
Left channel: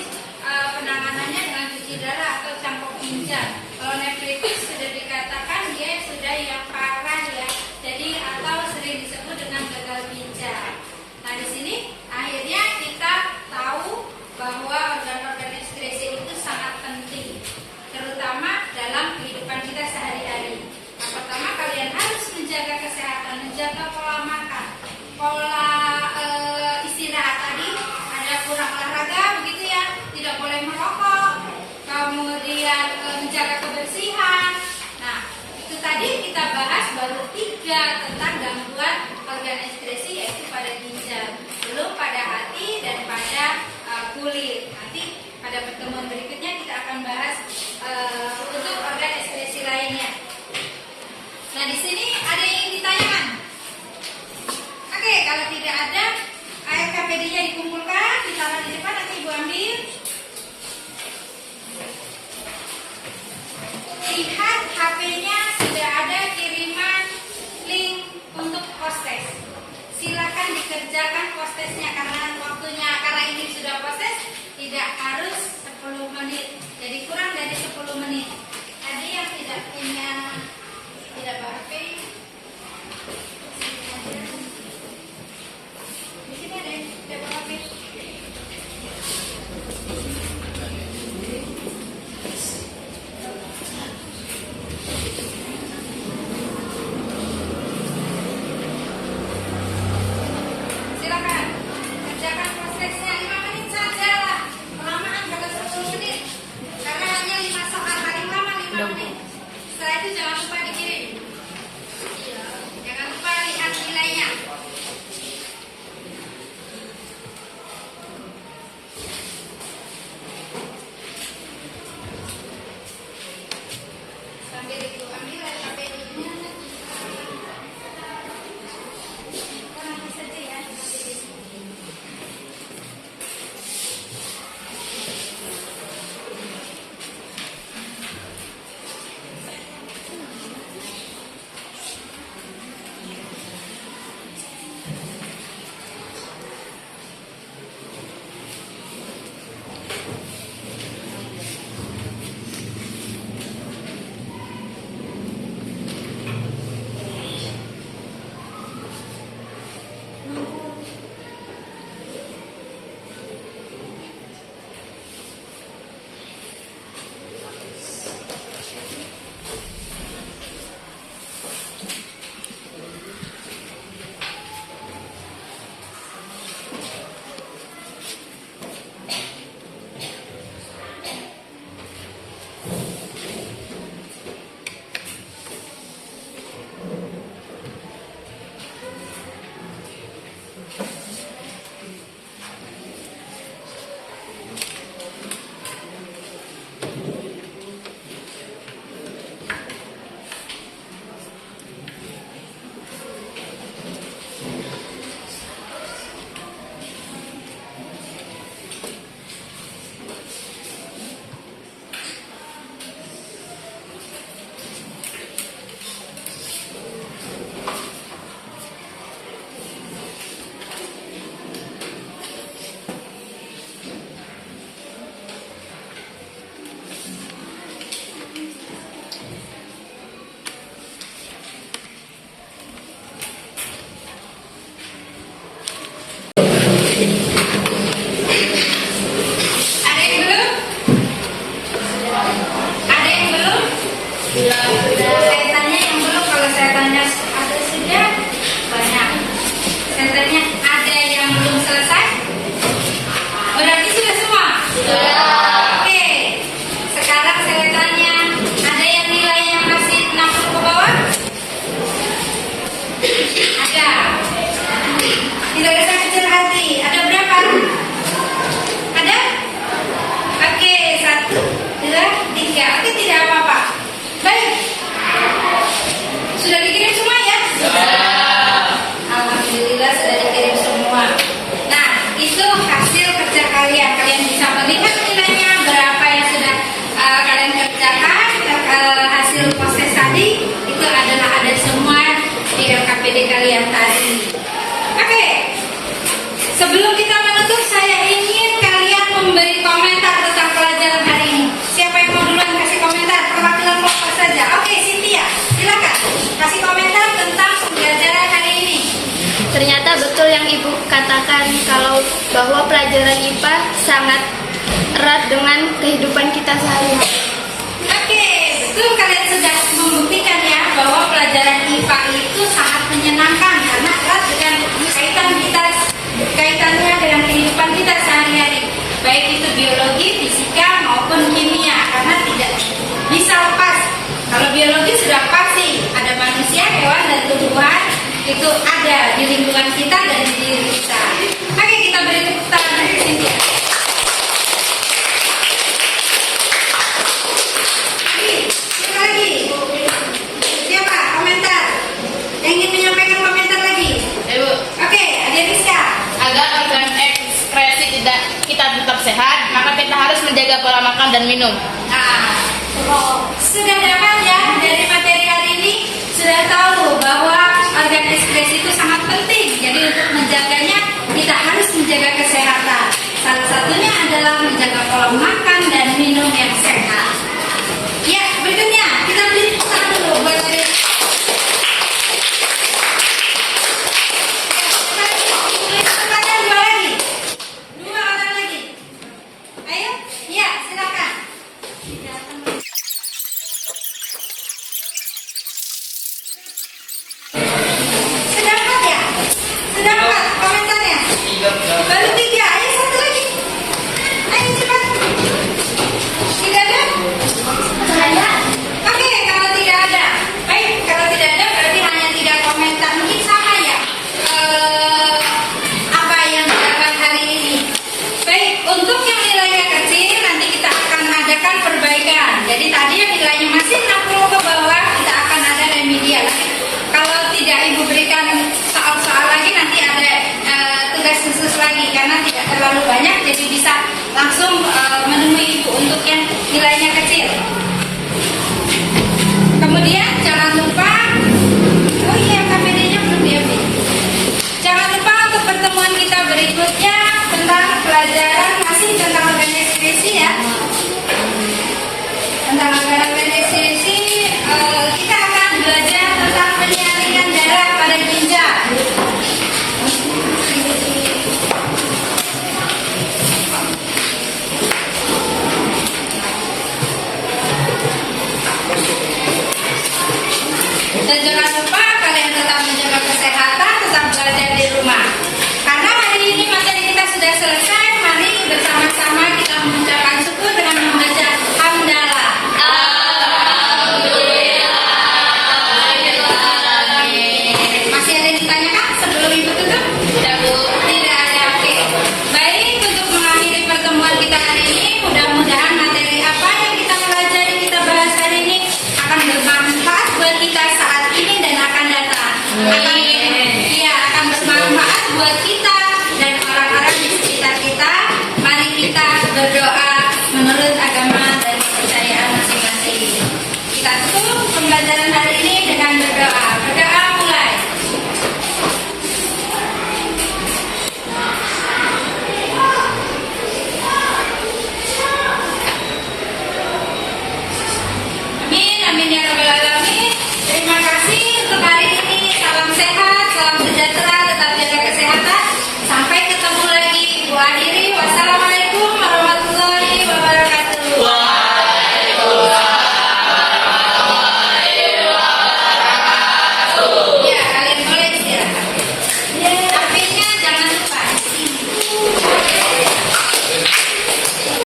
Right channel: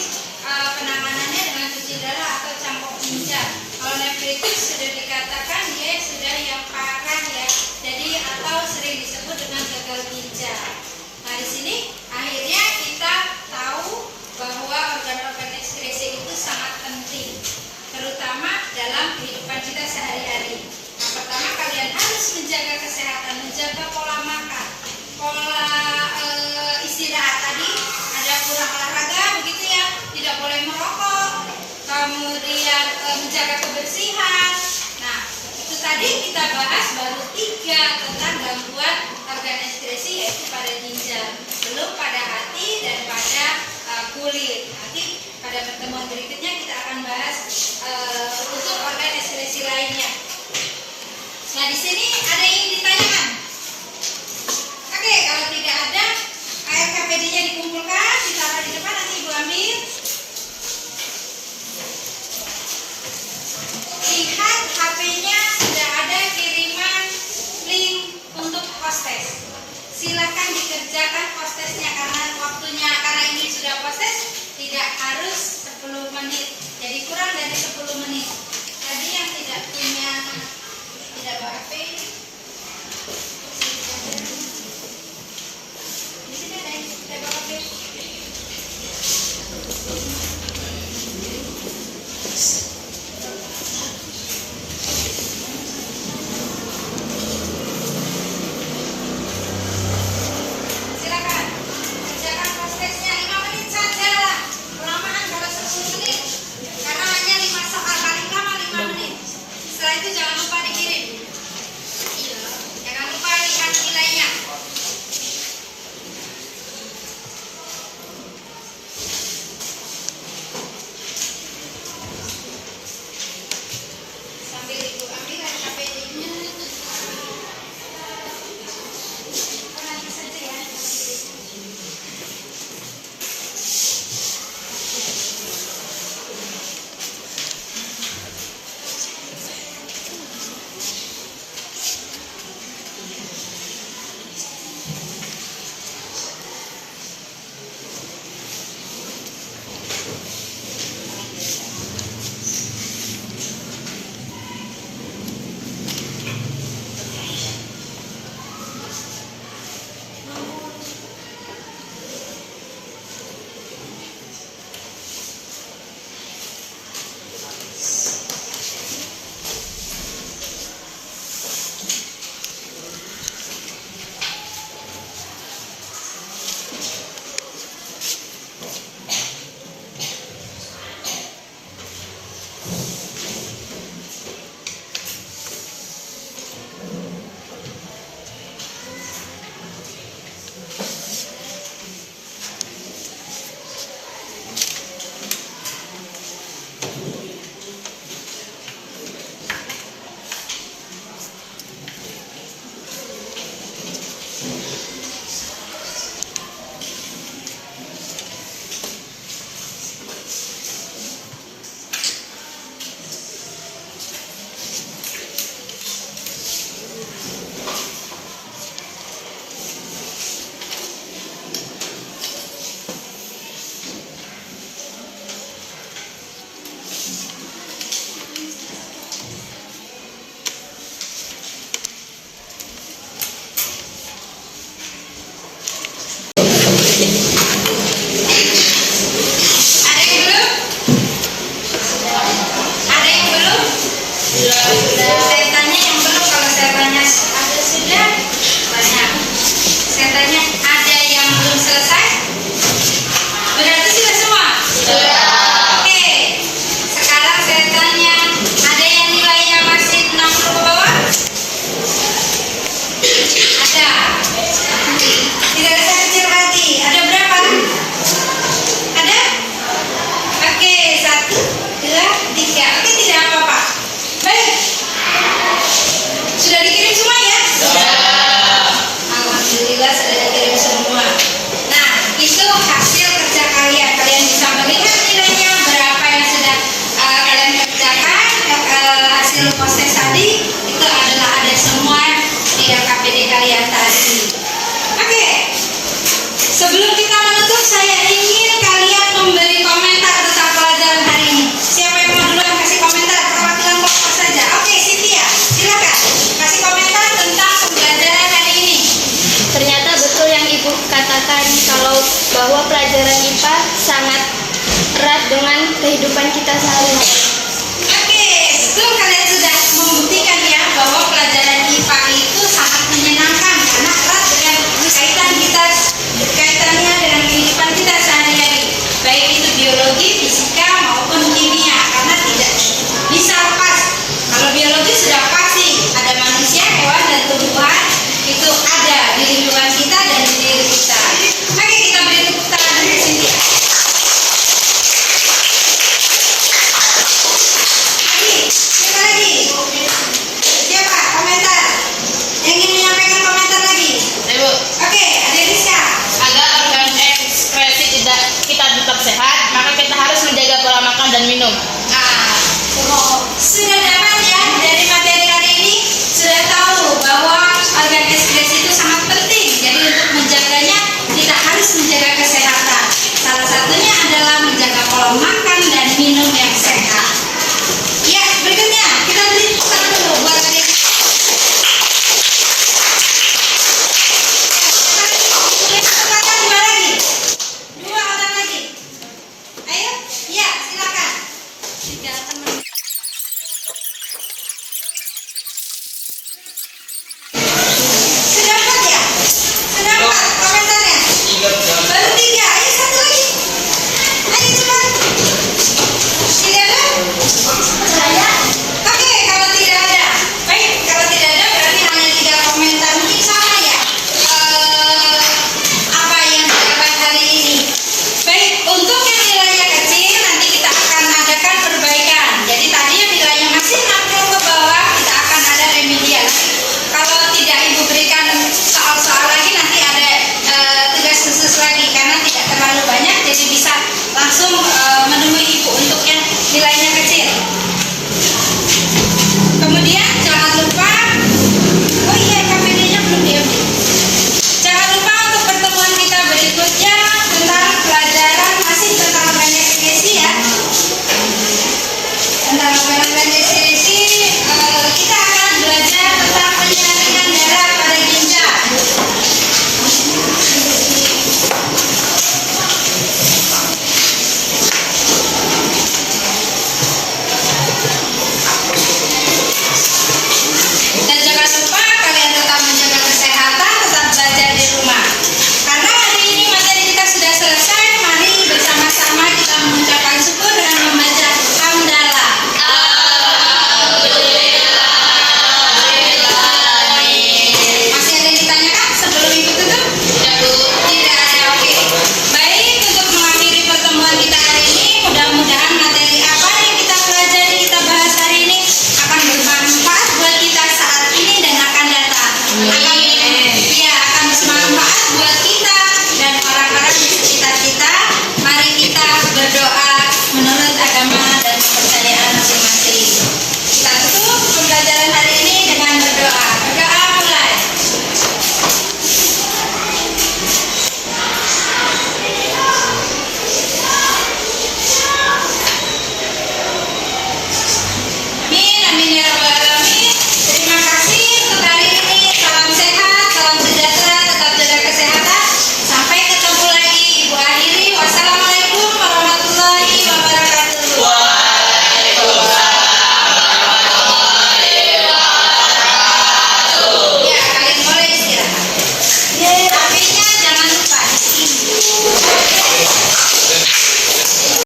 penanganannya dengan cuci darah atau cangkok ginjal. Kalau nefritis sudah dikatakan dia sudah yang parah ya. Jadi atau sering disebut dengan gagal ginjal. Nah di sini akhirnya kita tahu bahwa organ-organ ekskresi itu sangat penting, terutama dalam kehidupan kita sehari-hari. Yang pertama, kalian harus menjaga kesehatan, menjaga pola makan, pola istirahat tadi, ada kurang olahraga begitu ya, tidak boleh merokok, kemudian menjaga kebersihan. Nah, itu tadi kita bahas baru 3 tentang gangguan organ ekskresi, yaitu pada ginjal, belum pada hati dan pada kulit. Nanti pada pertemuan berikutnya kita akan bahas untuk organ ekskresi lainnya. Nah, di sini ada yang ingin ditanyakan? Oke, kalau tidak ada, KPD-nya dikumpulkan, ditaruh di depan, nanti Ibu ambil. Lihat HP-nya sudah ada kiriman link untuk postes. Silakan dikerjakan postesnya karena waktunya, karena ini sudah postes, tidak harus 10 menit. Jadi kurang dari 10 menit. Tadi yang tidak punya, tidak bawa HP, di sini ada yang tidak bawa HP. Silakan kerjakan prosesnya 5 menit saja lah. Kelamaan kalau 10 menit, karena hanya 5 sampai paling lama 5 menit. Setelah itu jangan lupa dikirim. Jangan lupa lihat nilainya. Sambil Ibu ambil KPD-nya. Nanti saja ya. Ada yang belum? Saya tanya yang belum. Saya tanya ada sudah banyak. Saya tanya ada yang belum selesai? Berarti sudah semua? Sudah. Oke. Sekarang saya tanya, ada yang nilainya masih 60 ke bawah? Ada. Tidak usah kecil hati. Ada berapa? Ada? Oke, 1, 2, 3. Oke, tidak apa-apa. Baik. Sudah dikirim semua ya? Sudah. Alhamdulillah sudah dikirim semua. Nah, itu hasil kerja kalian. Kalian bisa melihat nilainya berapa yang sudah kalian kerjakan. Hasil proses tadi itu adalah ada semua di KPD kalian tadi. Oke. Sebelum kita menutup, saya ingin kalian memberi komentar tentang pelajaran hari ini. Siapa yang mau duluan kasih komentar? Perwakilan kelompok saja. Oke, Cynthia, silakan kasih komentar tentang pembelajaran hari ini. Ternyata betul yang Ibu katakan kalau bahwa pelajaran IPA sangat erat dengan kehidupan kita sehari-hari. Oke, betul kalian sudah membuktikan ya bahwa pelajaran IPA itu sangat menyenangkan karena erat dengan kaitannya dengan kehidupan kita sehari-hari, baik itu biologi, fisika maupun kimia, karena tidak bisa lepas. Kalau biologi sudah pasti ada manusia, hewan dan tumbuhan itu ada di lingkungan kita dan di diri kita. Oke, kita beri tepuk tangan untuk Cynthia. Siapa lagi? Siapa? Komentar. Yang ingin menyampaikan komentar lagi? Ibu, Oke, ada Rizka. agar organ ekskresi kita tetap sehat, maka kita harus menjaga pola makan dan minum. Nah, sudah dapat ya dari materi hari ini, sudah tahu bahwa organ ekskresi itu sangat penting. Jadi untuk menjaganya kita harus menjaga kesehatan. Salah satunya adalah menjaga pola makan dan minum yang sehat. Ya, berikutnya kita beri tepuk tangan dulu buat hari ini. Silakan dua lagi. Dua orang lagi. Ayo, ya silakan. Sedapat ya? Sedapat komentarnya? Baru 3, ayo satu lagi. Ayo cepat. Tidak ada? Ada. Oke, kalau tidak ada. Baik, kalau tidak ada berarti hanya 3 komentar. Mungkin sama ya apa yang didapat hari ini. Baik, untuk yang nilainya kecil nanti kita akan adakan perbaikan. Jadi tadi yang nilainya masih 60 ke bawah kita akan ada remedial. Kalau tidak Ibu berikan soal-soal lagi nanti ada tugas khusus lagi karena tidak terlalu banyak, jadi bisa langsung menemui Ibu untuk yang nilainya kecil. Kemudian jangan lupa, oh iya KPD-nya belum diambil. Jangan lupa untuk pertemuan kita berikutnya tentang pelajaran masih tentang organisasi ya. Tentang organisasi kita akan belajar tentang penyaringan darah pada ginjal. Dan jangan lupa kalian tetap menjaga kesehatan, tetap belajar di rumah. Karena hari ini materi kita sudah selesai, mari bersama-sama kita mengucapkan syukur dengan membaca hamdalah. Masih ada yang ditanyakan sebelum Ibu tutup? Tidak, Bu. Tidak ada, oke. Baik, untuk mengakhiri pertemuan kita hari ini, mudah-mudahan materi apa yang kita pelajari, kita bahas hari ini akan bermanfaat buat kita saat ini dan akan datang. Akan